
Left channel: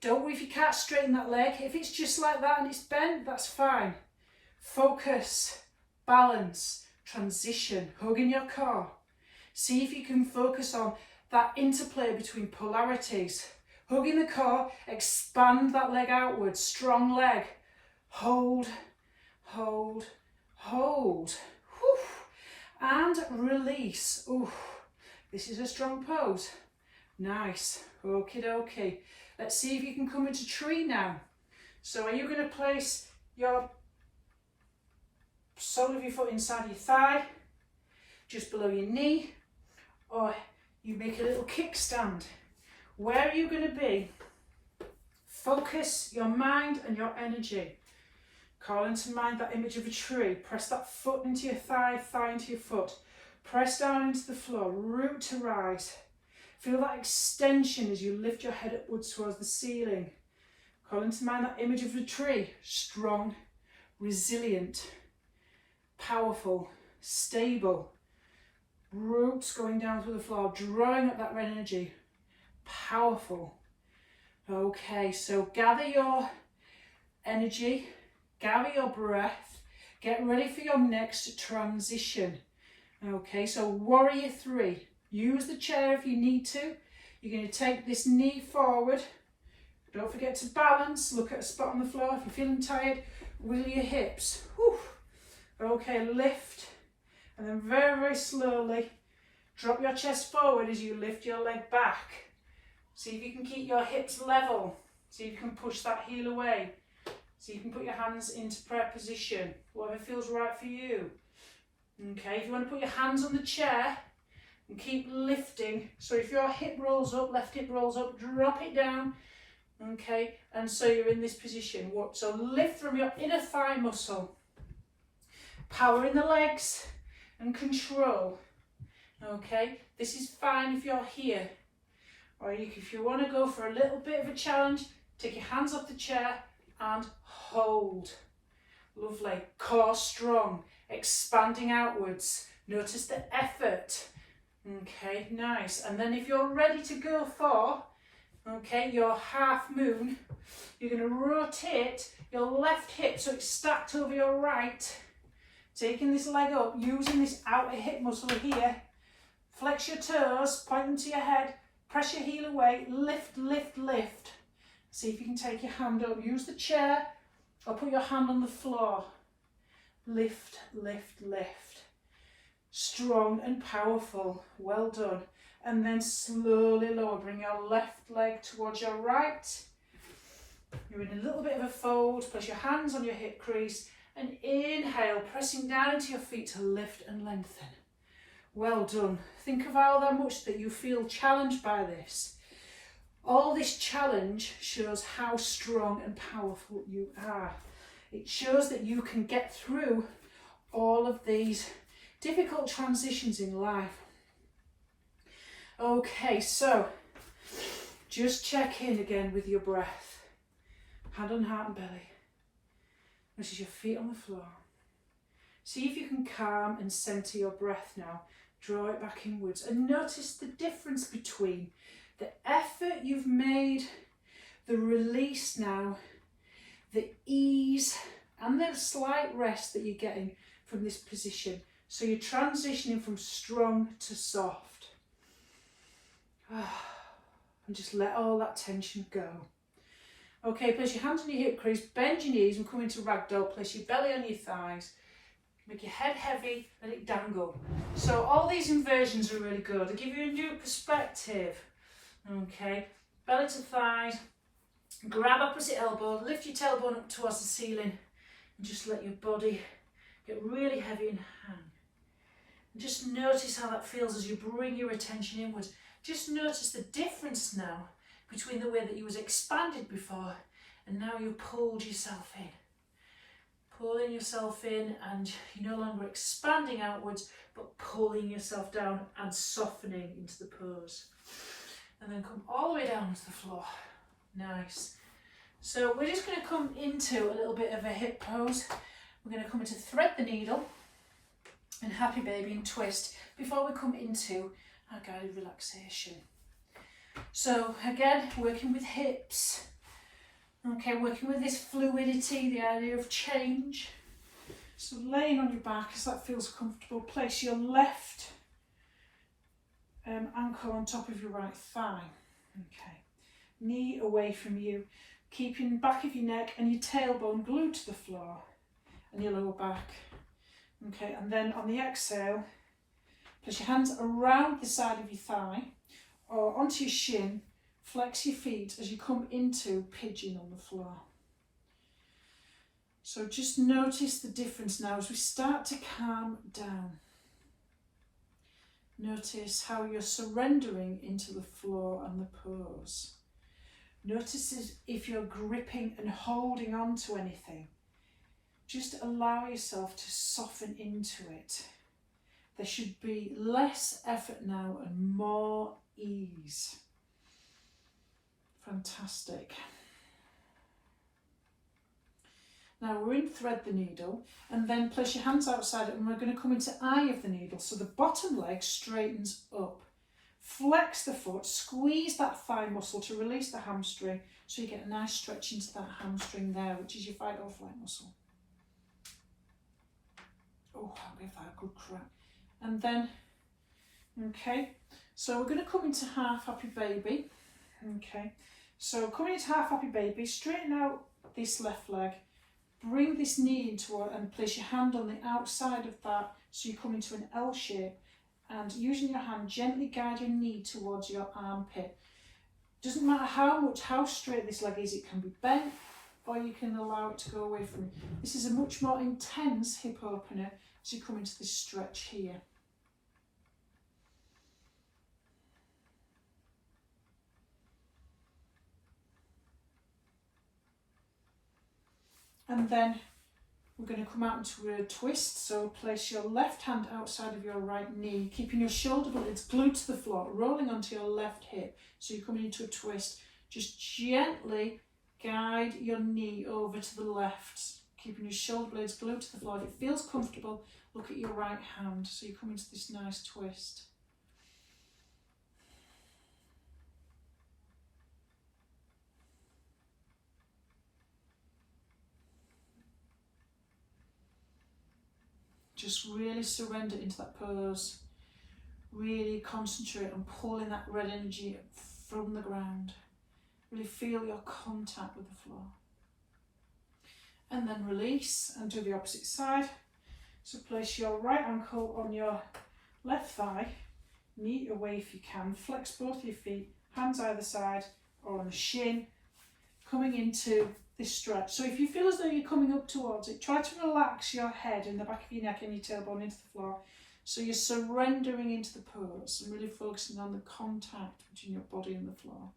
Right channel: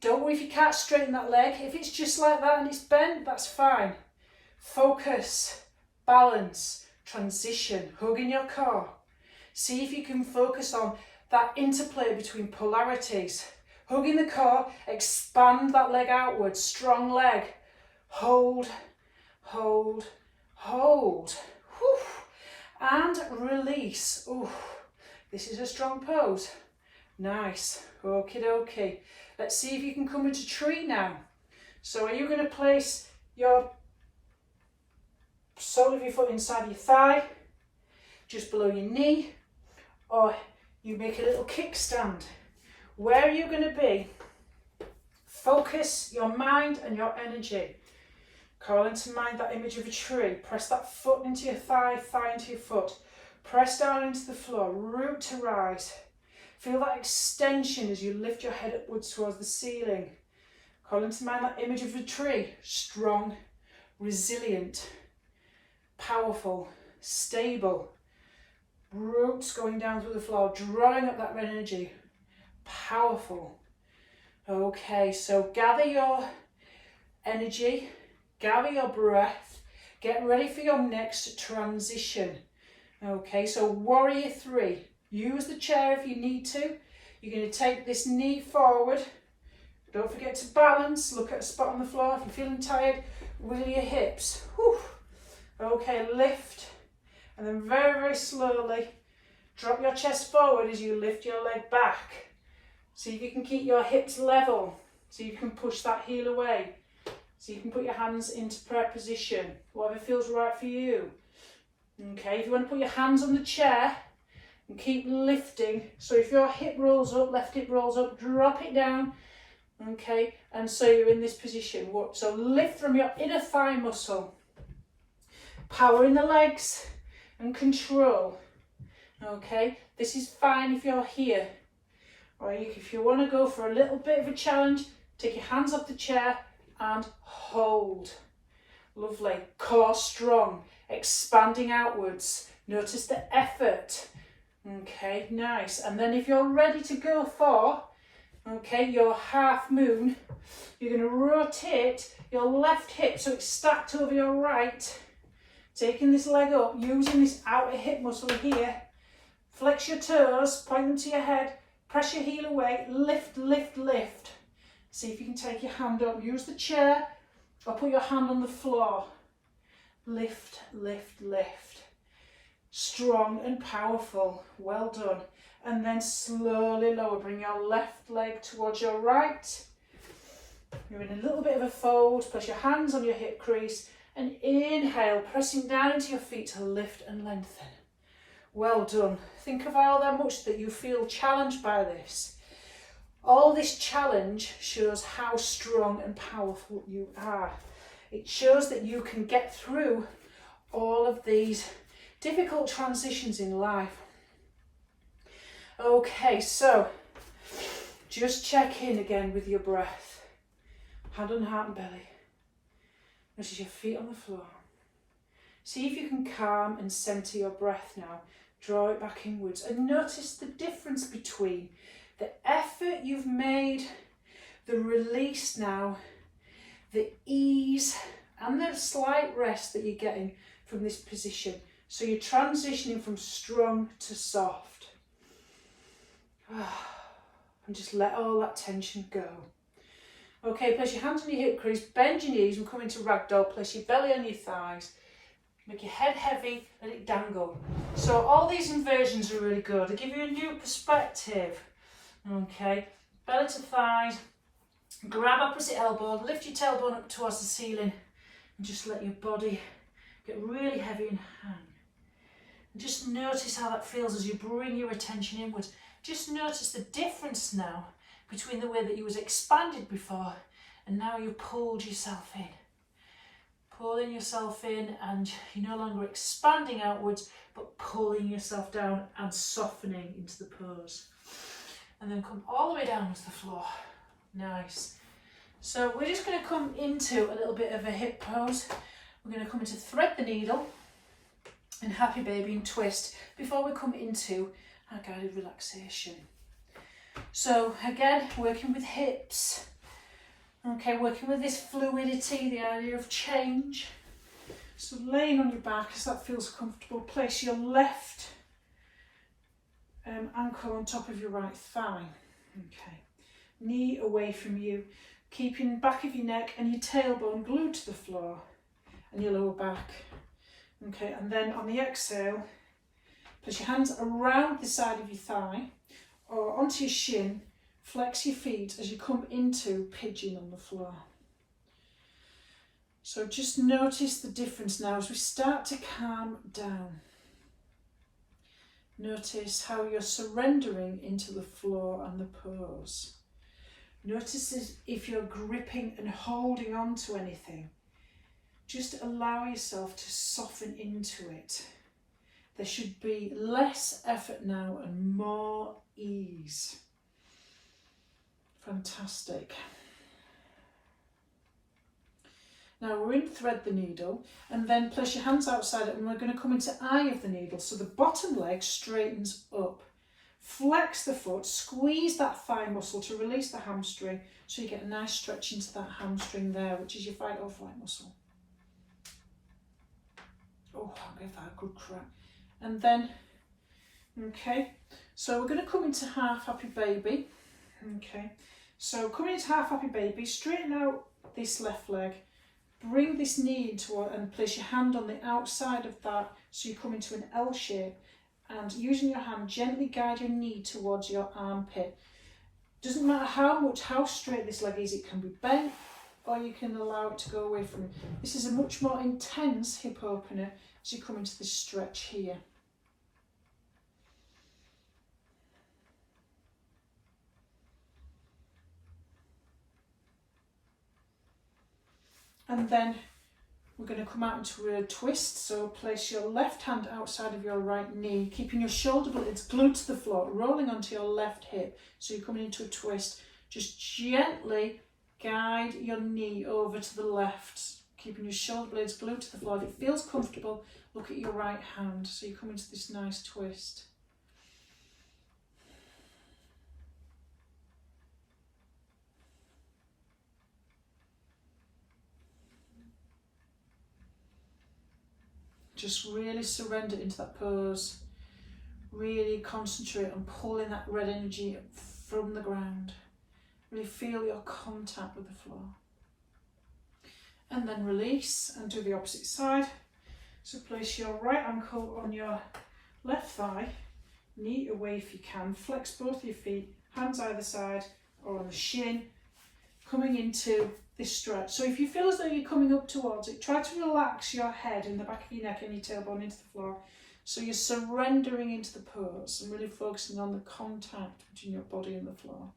Don't worry if you can't straighten that leg. If it's just like that and it's bent, that's fine. Focus, balance, transition, hugging your core. See if you can focus on that interplay between polarities. Hugging the core, expand that leg outwards, strong leg. Hold, hold, hold. Whew. And release. Ooh, this is a strong pose. Nice. Okie dokie. Let's see if you can come into tree now. So are you going to place your sole of your foot inside your thigh, just below your knee, or you make a little kickstand? Where are you going to be? Focus your mind and your energy. Call into mind that image of a tree. Press that foot into your thigh, thigh into your foot. Press down into the floor, root to rise. Feel that extension as you lift your head upwards towards the ceiling. Call into mind that image of a tree. Strong, resilient, powerful, stable. Roots going down through the floor, drawing up that energy. Powerful. Okay, so gather your energy, gather your breath, get ready for your next transition. Okay, so warrior 3. Use the chair if you need to. You're going to take this knee forward. Don't forget to balance. Look at a spot on the floor. If you're feeling tired, wiggle your hips. Whew. Okay, lift. And then very, very slowly drop your chest forward as you lift your leg back. See if you can keep your hips level. See if you can push that heel away. So you can put your hands into prayer position. Whatever feels right for you. Okay, if you want to put your hands on the chair, and keep lifting. So if your hip rolls up, left hip rolls up, drop it down. Okay, and so you're in this position. So lift from your inner thigh muscle. Power in the legs and control. Okay, this is fine if you're here. Or if you want to go for a little bit of a challenge, take your hands off the chair and hold. Lovely. Core strong, expanding outwards. Notice the effort. Okay, nice. And then if you're ready to go for, okay, your half moon, you're going to rotate your left hip so it's stacked over your right. Taking this leg up, using this outer hip muscle here. Flex your toes, point them to your head, press your heel away, lift, lift, lift. See if you can take your hand up. Use the chair or put your hand on the floor. Lift, lift, lift. Strong and powerful. Well done. And then slowly lower. Bring your left leg towards your right. You're in a little bit of a fold. Place your hands on your hip crease and inhale, pressing down into your feet to lift and lengthen. Well done. Think of how much that you feel challenged by this. All this challenge shows how strong and powerful you are. It shows that you can get through all of these difficult transitions in life. Okay, so just check in again with your breath. Hand on heart and belly. Notice your feet on the floor. See if you can calm and centre your breath now. Draw it back inwards and notice the difference between the effort you've made, the release now, the ease and the slight rest that you're getting from this position. So you're transitioning from strong to soft. And just let all that tension go. Okay, place your hands on your hip crease, bend your knees and come into ragdoll. Place your belly on your thighs. Make your head heavy, let it dangle. So all these inversions are really good. They give you a new perspective. Okay, belly to thighs. Grab opposite elbow, lift your tailbone up towards the ceiling and just let your body get really heavy and hang. And just notice how that feels as you bring your attention inwards. Just notice the difference now between the way that you was expanded before and now you pulled yourself in. Pulling yourself in and you're no longer expanding outwards but pulling yourself down and softening into the pose. And then come all the way down to the floor. Nice. So we're just going to come into a little bit of a hip pose. We're going to come into thread the needle and happy baby and twist before we come into our guided relaxation. So again, working with hips. Okay, working with this fluidity, the idea of change. So laying on your back as that feels comfortable. Place your left ankle on top of your right thigh. Okay, knee away from you, keeping the back of your neck and your tailbone glued to the floor and your lower back. Okay, and then on the exhale, place your hands around the side of your thigh or onto your shin. Flex your feet as you come into pigeon on the floor. So just notice the difference now as we start to calm down. Notice how you're surrendering into the floor and the pose. Notice as if you're gripping and holding on to anything. Just allow yourself to soften into it. There should be less effort now and more ease. Fantastic. Now we're in thread the needle and then place your hands outside it and we're going to come into eye of the needle. So the bottom leg straightens up. Flex the foot, squeeze that thigh muscle to release the hamstring so you get a nice stretch into that hamstring there, which is your fight or flight muscle. Oh, I'll give that a good crack. And then, okay, so we're going to come into half happy baby. Okay. So coming into half happy baby, straighten out this left leg, bring this knee into it and place your hand on the outside of that so you come into an L shape and using your hand gently guide your knee towards your armpit. Doesn't matter how straight this leg is, it can be bent or you can allow it to go away from you. This is a much more intense hip opener as you come into this stretch here. And then we're going to come out into a twist. So place your left hand outside of your right knee, keeping your shoulder blades glued to the floor, rolling onto your left hip. So you're coming into a twist. Just gently guide your knee over to the left, keeping your shoulder blades glued to the floor. If it feels comfortable, look at your right hand. So you come into this nice twist. Just really surrender into that pose. Really concentrate on pulling that red energy from the ground. Really feel your contact with the floor. And then release and do the opposite side. So place your right ankle on your left thigh, knee away if you can. Flex both your feet, hands either side or on the shin. coming into this stretch. So if you feel as though you're coming up towards it, try to relax your head and the back of your neck and your tailbone into the floor. So you're surrendering into the pose and really focusing on the contact between your body and the floor.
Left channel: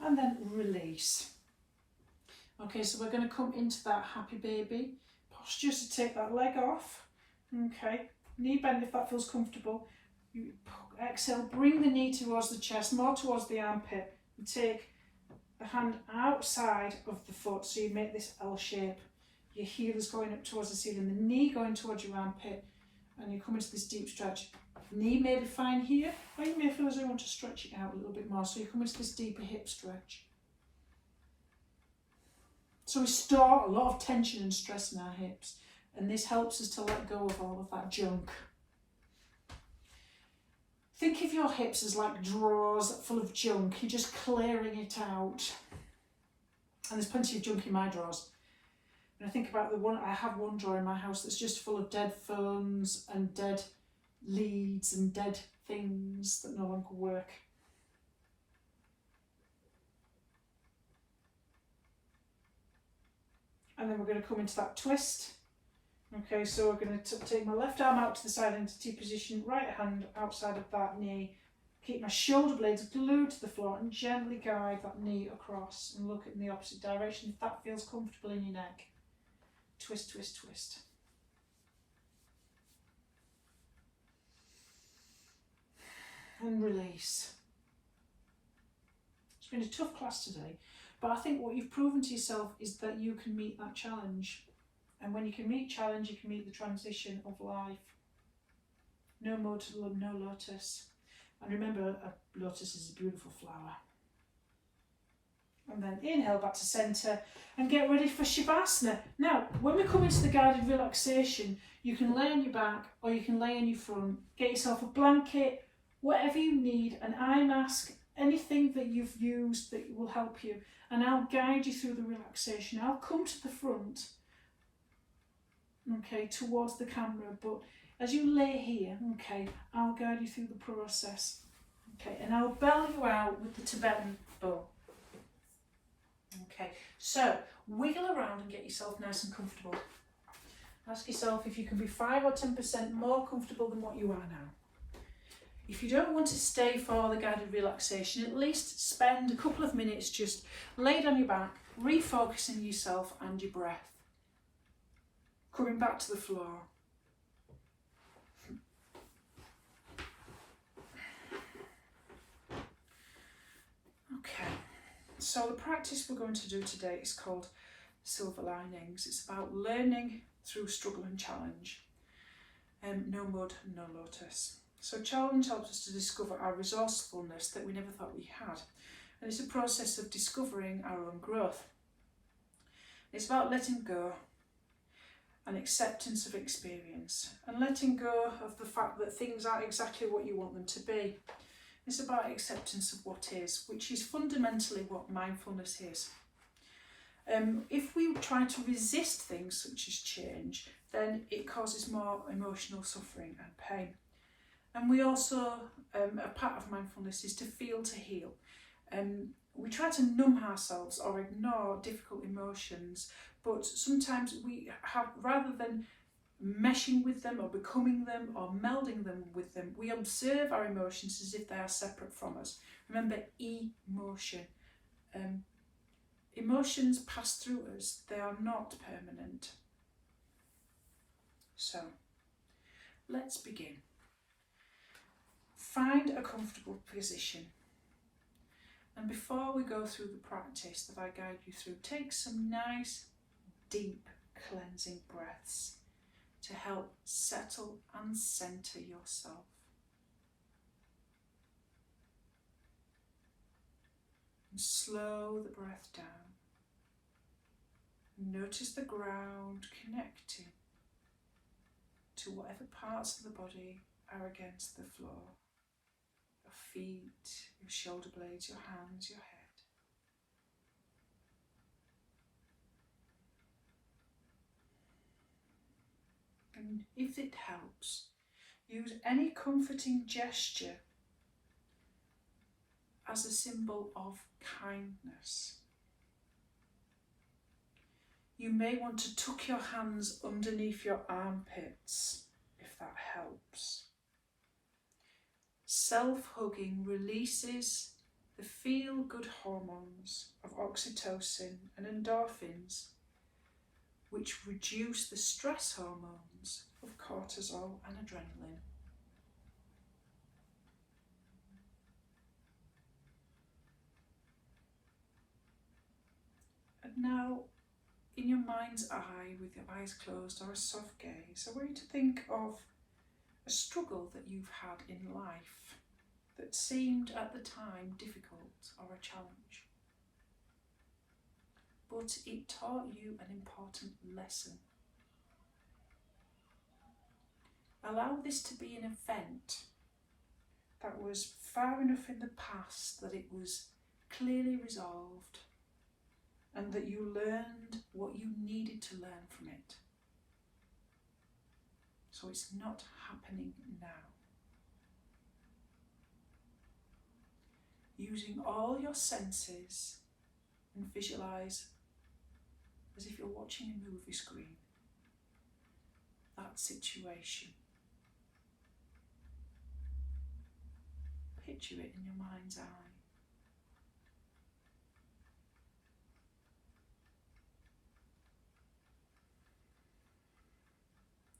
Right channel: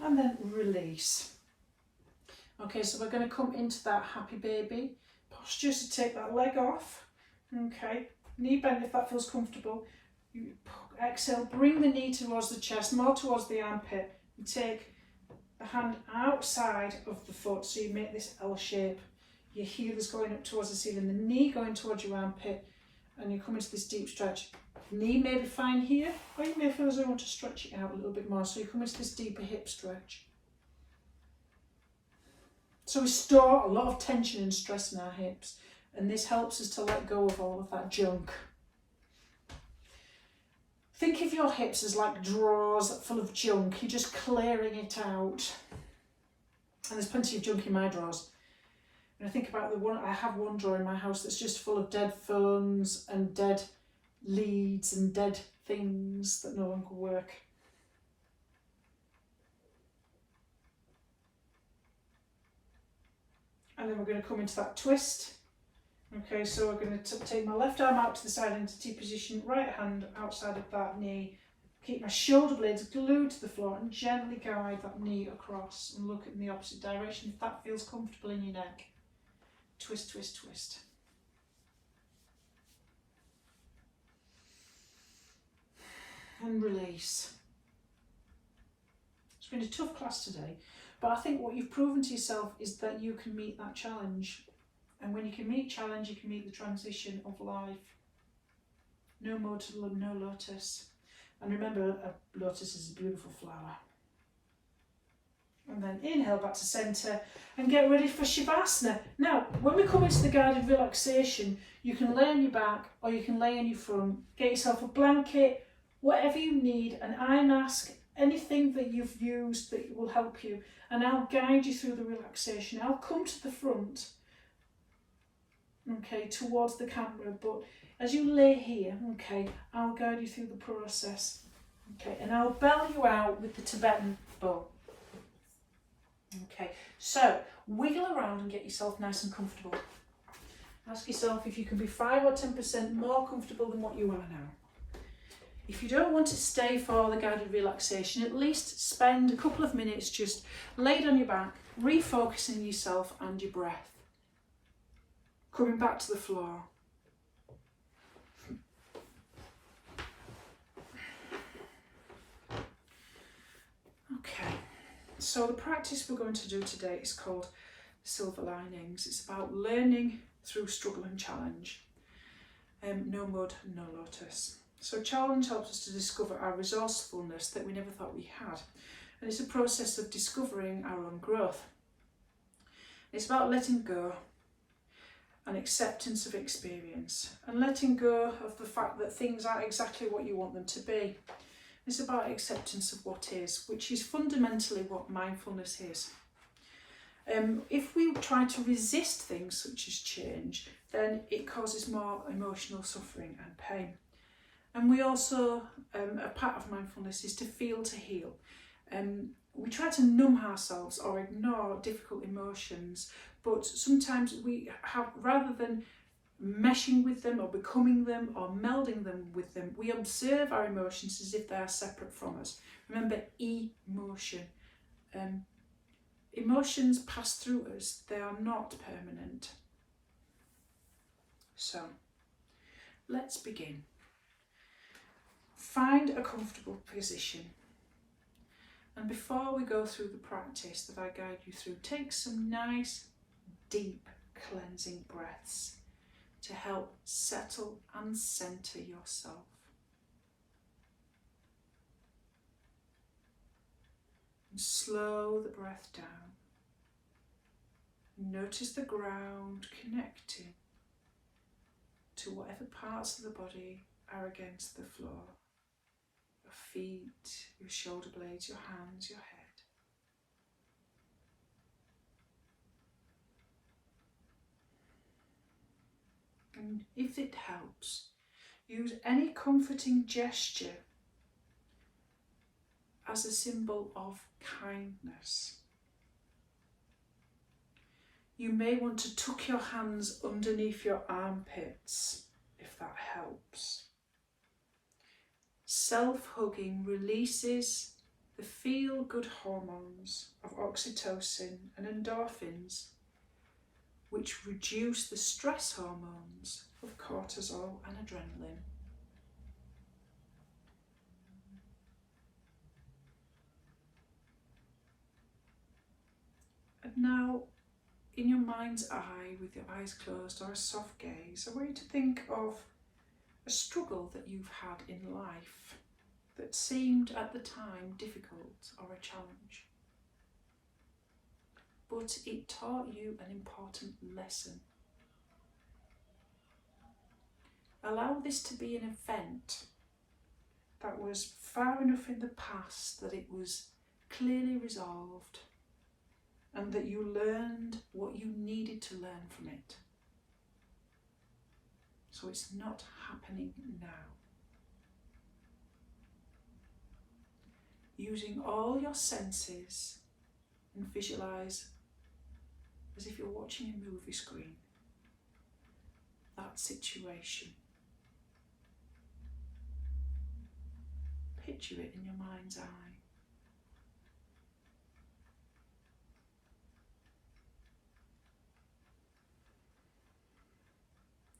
And then release. Okay, so we're going to come into that happy baby posture, to take that leg off. Okay, knee bend if that feels comfortable. You exhale, bring the knee towards the chest, more towards the armpit, and take the hand outside of the foot, so you make this L shape. Your heel is going up towards the ceiling, the knee going towards your armpit, and you come into this deep stretch. Knee may be fine here, or you may feel as though you want to stretch it out a little bit more, so you come into this deeper hip stretch. So we store a lot of tension and stress in our hips, and this helps us to let go of all of that junk. Think of your hips as like drawers full of junk. You're just clearing it out. And there's plenty of junk in my drawers. And I think about I have one drawer in my house that's just full of dead phones and dead leads and dead things that no longer work. And then we're going to come into that twist. Okay, so we're going to take my left arm out to the side into T position, right hand outside of that knee. Keep my shoulder blades glued to the floor and gently guide that knee across and look in the opposite direction if that feels comfortable in your neck. Twist, twist, twist. And release. It's been a tough class today, but I think what you've proven to yourself is that you can meet that challenge. And when you can meet challenge, you can meet the transition of life. No mode, no lotus. And remember, a lotus is a beautiful flower. And then inhale back to centre and get ready for Shavasana. Now, when we come into the guided relaxation, you can lay on your back or you can lay on your front. Get yourself a blanket, whatever you need, an eye mask, anything that you've used that will help you. And I'll guide you through the relaxation. I'll come to the front, okay, towards the camera, but as you lay here, okay, I'll guide you through the process, okay, and I'll belly you out with the Tibetan bow. Okay, so wiggle around and get yourself nice and comfortable. Ask yourself if you can be 5 or 10% more comfortable than what you are now. If you don't want to stay for the guided relaxation, at least spend a couple of minutes just laid on your back, refocusing yourself and your breath. Coming back to the floor. Okay, so the practice we're going to do today is called Silver Linings. It's about learning through struggle and challenge. No mud, no lotus. So challenge helps us to discover our resourcefulness that we never thought we had. And it's a process of discovering our own growth. It's about letting go and acceptance of experience and letting go of the fact that things aren't exactly what you want them to be. It's about acceptance of what is, which is fundamentally what mindfulness is. If we try to resist things such as change, then it causes more emotional suffering and pain. And we also, a part of mindfulness is to feel to heal. We try to numb ourselves or ignore difficult emotions, but sometimes we have, rather than meshing with them or becoming them or melding them with them, we observe our emotions as if they are separate from us. Remember, emotion. Emotions pass through us, they are not permanent. So, let's begin. Find a comfortable position. And before we go through the practice that I guide you through, take some nice, deep, cleansing breaths to help settle and centre yourself. And slow the breath down. Notice the ground connecting to whatever parts of the body are against the floor. Your feet, your shoulder blades, your hands, your head. And if it helps, use any comforting gesture as a symbol of kindness. You may want to tuck your hands underneath your armpits, if that helps. Self-hugging releases the feel-good hormones of oxytocin and endorphins, which reduce the stress hormones of cortisol and adrenaline. And now, in your mind's eye, with your eyes closed or a soft gaze, I want you to think of a struggle that you've had in life that seemed at the time difficult or a challenge. But it taught you an important lesson. Allow this to be an event that was far enough in the past that it was clearly resolved and that you learned what you needed to learn from it. So it's not happening now. Using all your senses, and visualise as if you're watching a movie screen that situation. Picture it in your mind's eye.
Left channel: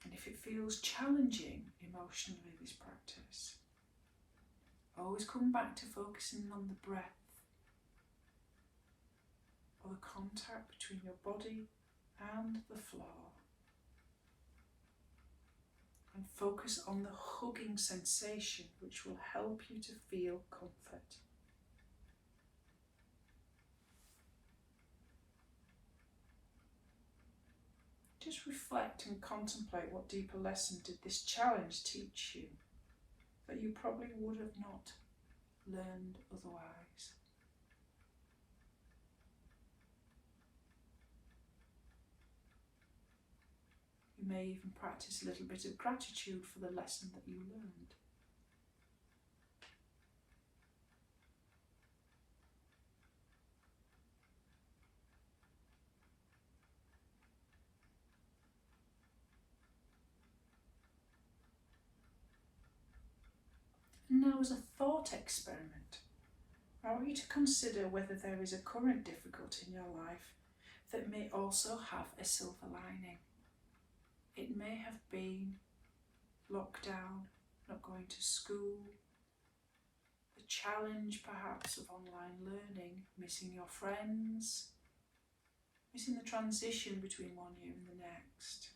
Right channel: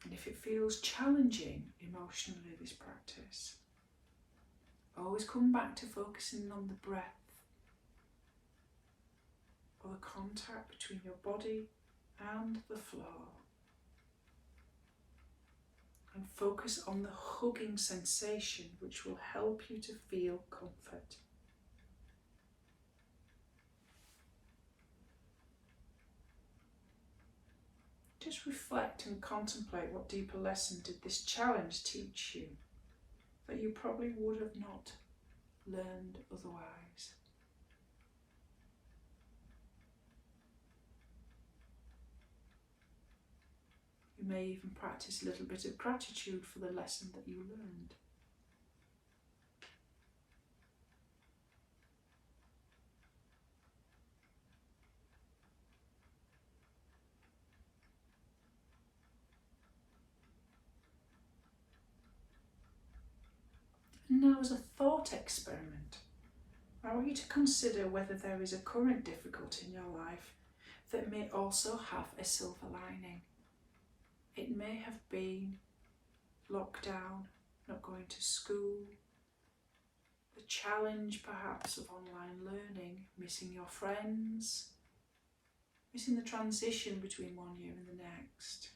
And if it feels challenging emotionally, this practice, always come back to focusing on the breath or the contact between your body and the floor. And focus on the hugging sensation, which will help you to feel comfort. Just reflect and contemplate what deeper lesson did this challenge teach you that you probably would have not learned otherwise. You may even practice a little bit of gratitude for the lesson that you learned. And now, as a thought experiment, I want you to consider whether there is a current difficulty in your life that may also have a silver lining. It may have been lockdown, not going to school, the challenge perhaps of online learning, missing your friends, missing the transition between one year and the next.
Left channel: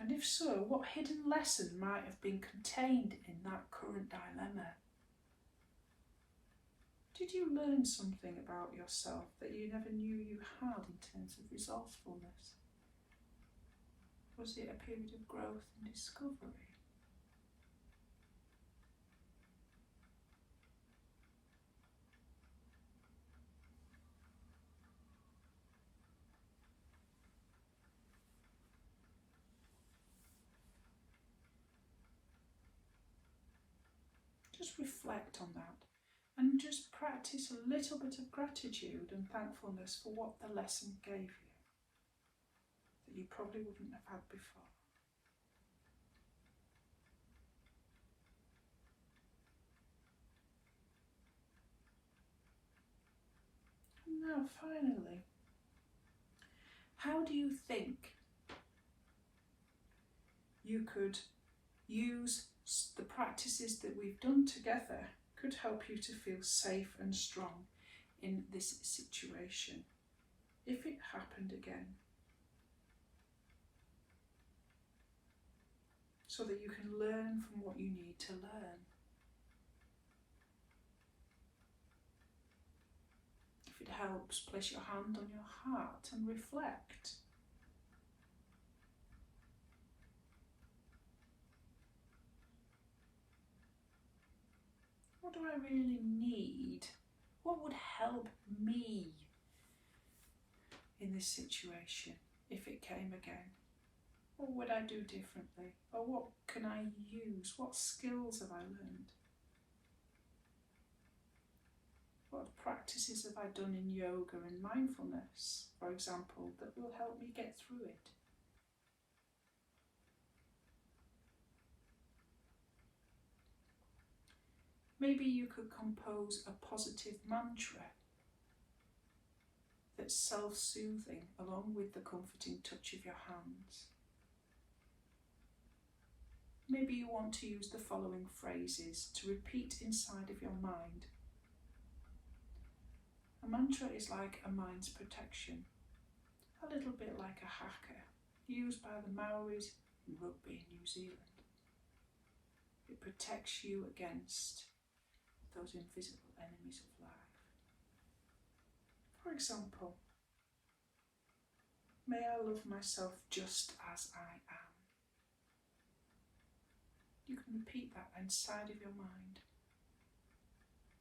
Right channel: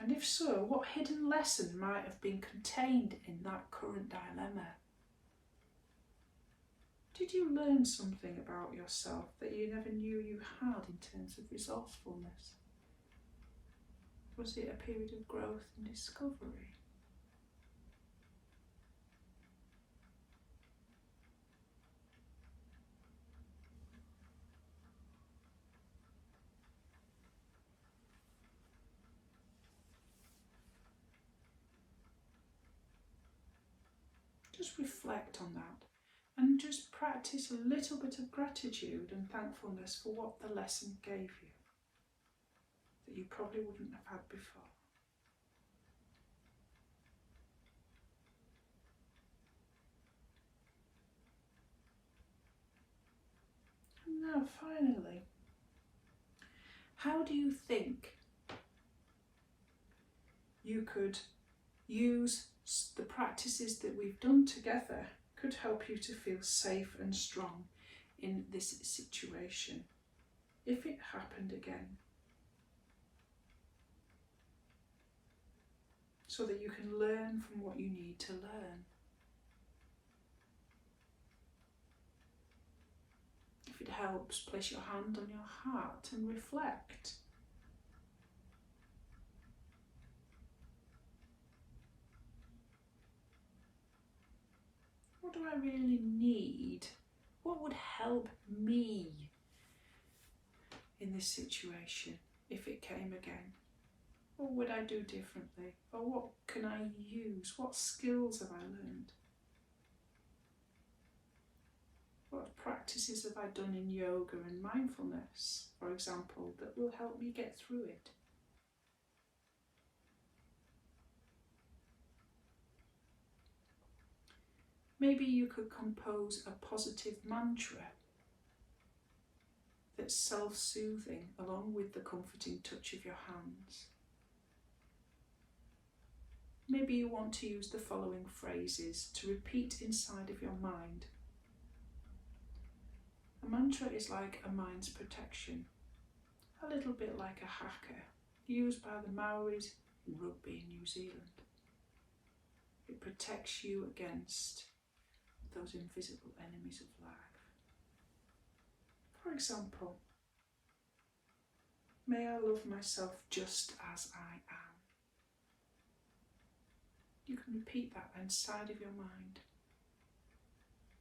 And if so, what hidden lesson might have been contained in that current dilemma? Did you learn something about yourself that you never knew you had in terms of resourcefulness? Was it a period of growth and discovery? Just reflect on that and just practice a little bit of gratitude and thankfulness for what the lesson gave you that you probably wouldn't have had before. And now finally, how do you think you could use the practices that we've done together could help you to feel safe and strong in this situation if it happened again, so that you can learn from what you need to learn? If it helps, place your hand on your heart and reflect. What do I really need? What would help me in this situation if it came again? What would I do differently? Or what can I use? What skills have I learned? What practices have I done in yoga and mindfulness, for example, that will help me get through it? Maybe you could compose a positive mantra that's self-soothing along with the comforting touch of your hands. Maybe you want to use the following phrases to repeat inside of your mind. A mantra is like a mind's protection, a little bit like a haka used by the Maoris in rugby in New Zealand. It protects you against those invisible enemies of life. For example, may I love myself just as I am. You can repeat that inside of your mind.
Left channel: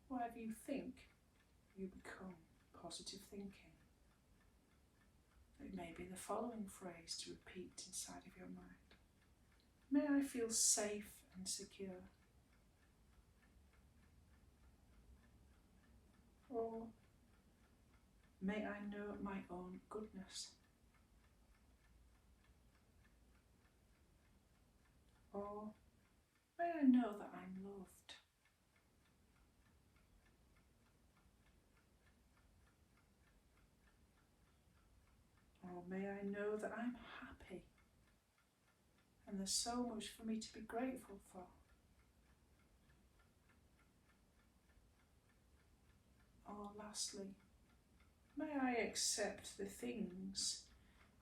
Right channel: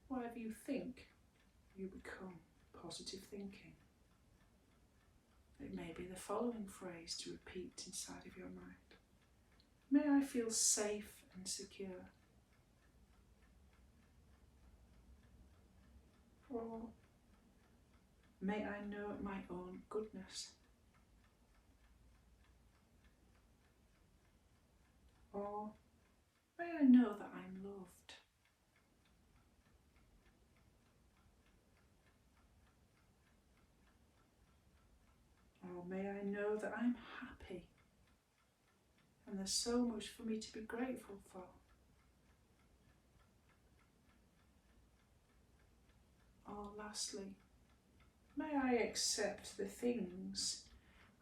Whatever you think, you become. Positive thinking. It may be the following phrase to repeat inside of your mind. May I feel safe and secure. Or may I know my own goodness. Or may I know that I'm loved. Or may I know that I'm happy and there's so much for me to be grateful for. Or lastly, may I accept the things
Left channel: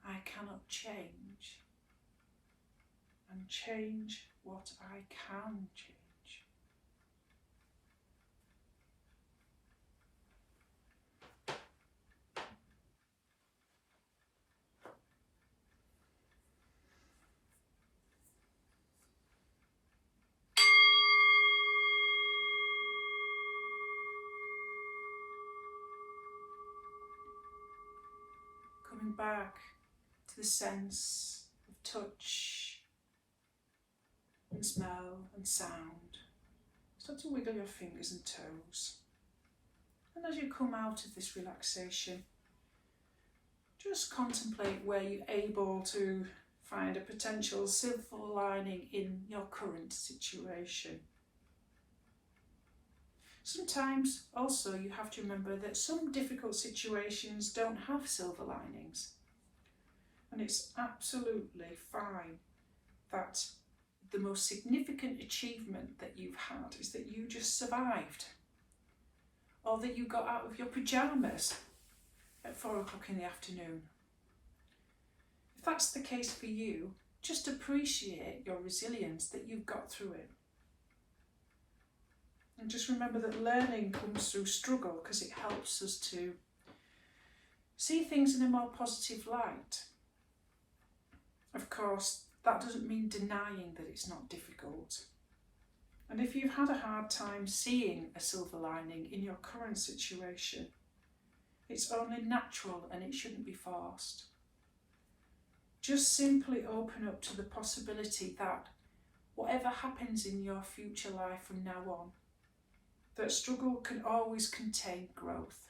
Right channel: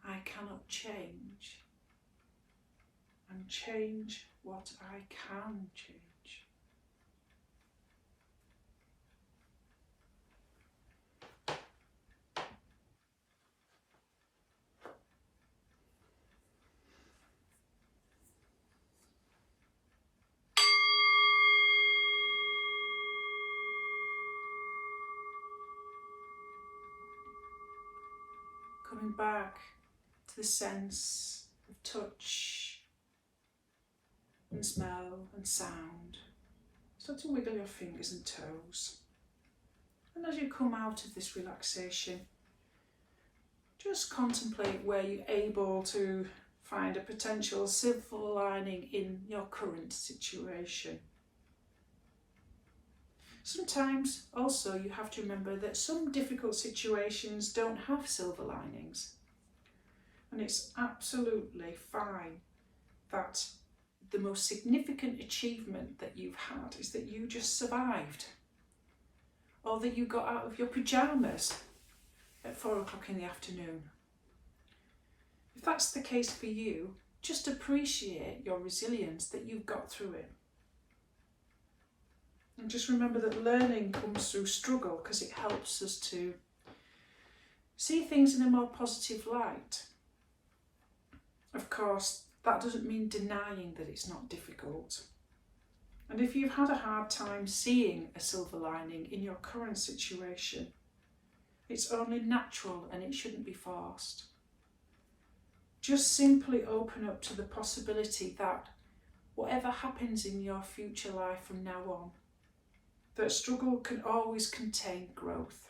I cannot change and change what I can change. Coming back to the sense of touch and smell and sound. Start to wiggle your fingers and toes. And as you come out of this relaxation, just contemplate where you're able to find a potential silver lining in your current situation. Sometimes also you have to remember that some difficult situations don't have silver linings. And it's absolutely fine that the most significant achievement that you've had is that you just survived. Or that you got out of your pyjamas at 4 o'clock in the afternoon. If that's the case for you, just appreciate your resilience that you've got through it. And just remember that learning comes through struggle because it helps us to see things in a more positive light. Of course, that doesn't mean denying that it's not difficult. And if you've had a hard time seeing a silver lining in your current situation, it's only natural and it shouldn't be forced. Just simply open up to the possibility that whatever happens in your future life from now on, that struggle can always contain growth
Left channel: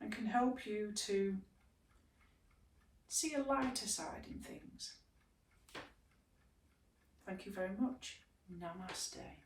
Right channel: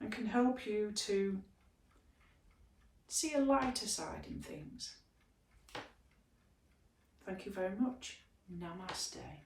and can help you to see a lighter side in things. Thank you very much. Namaste.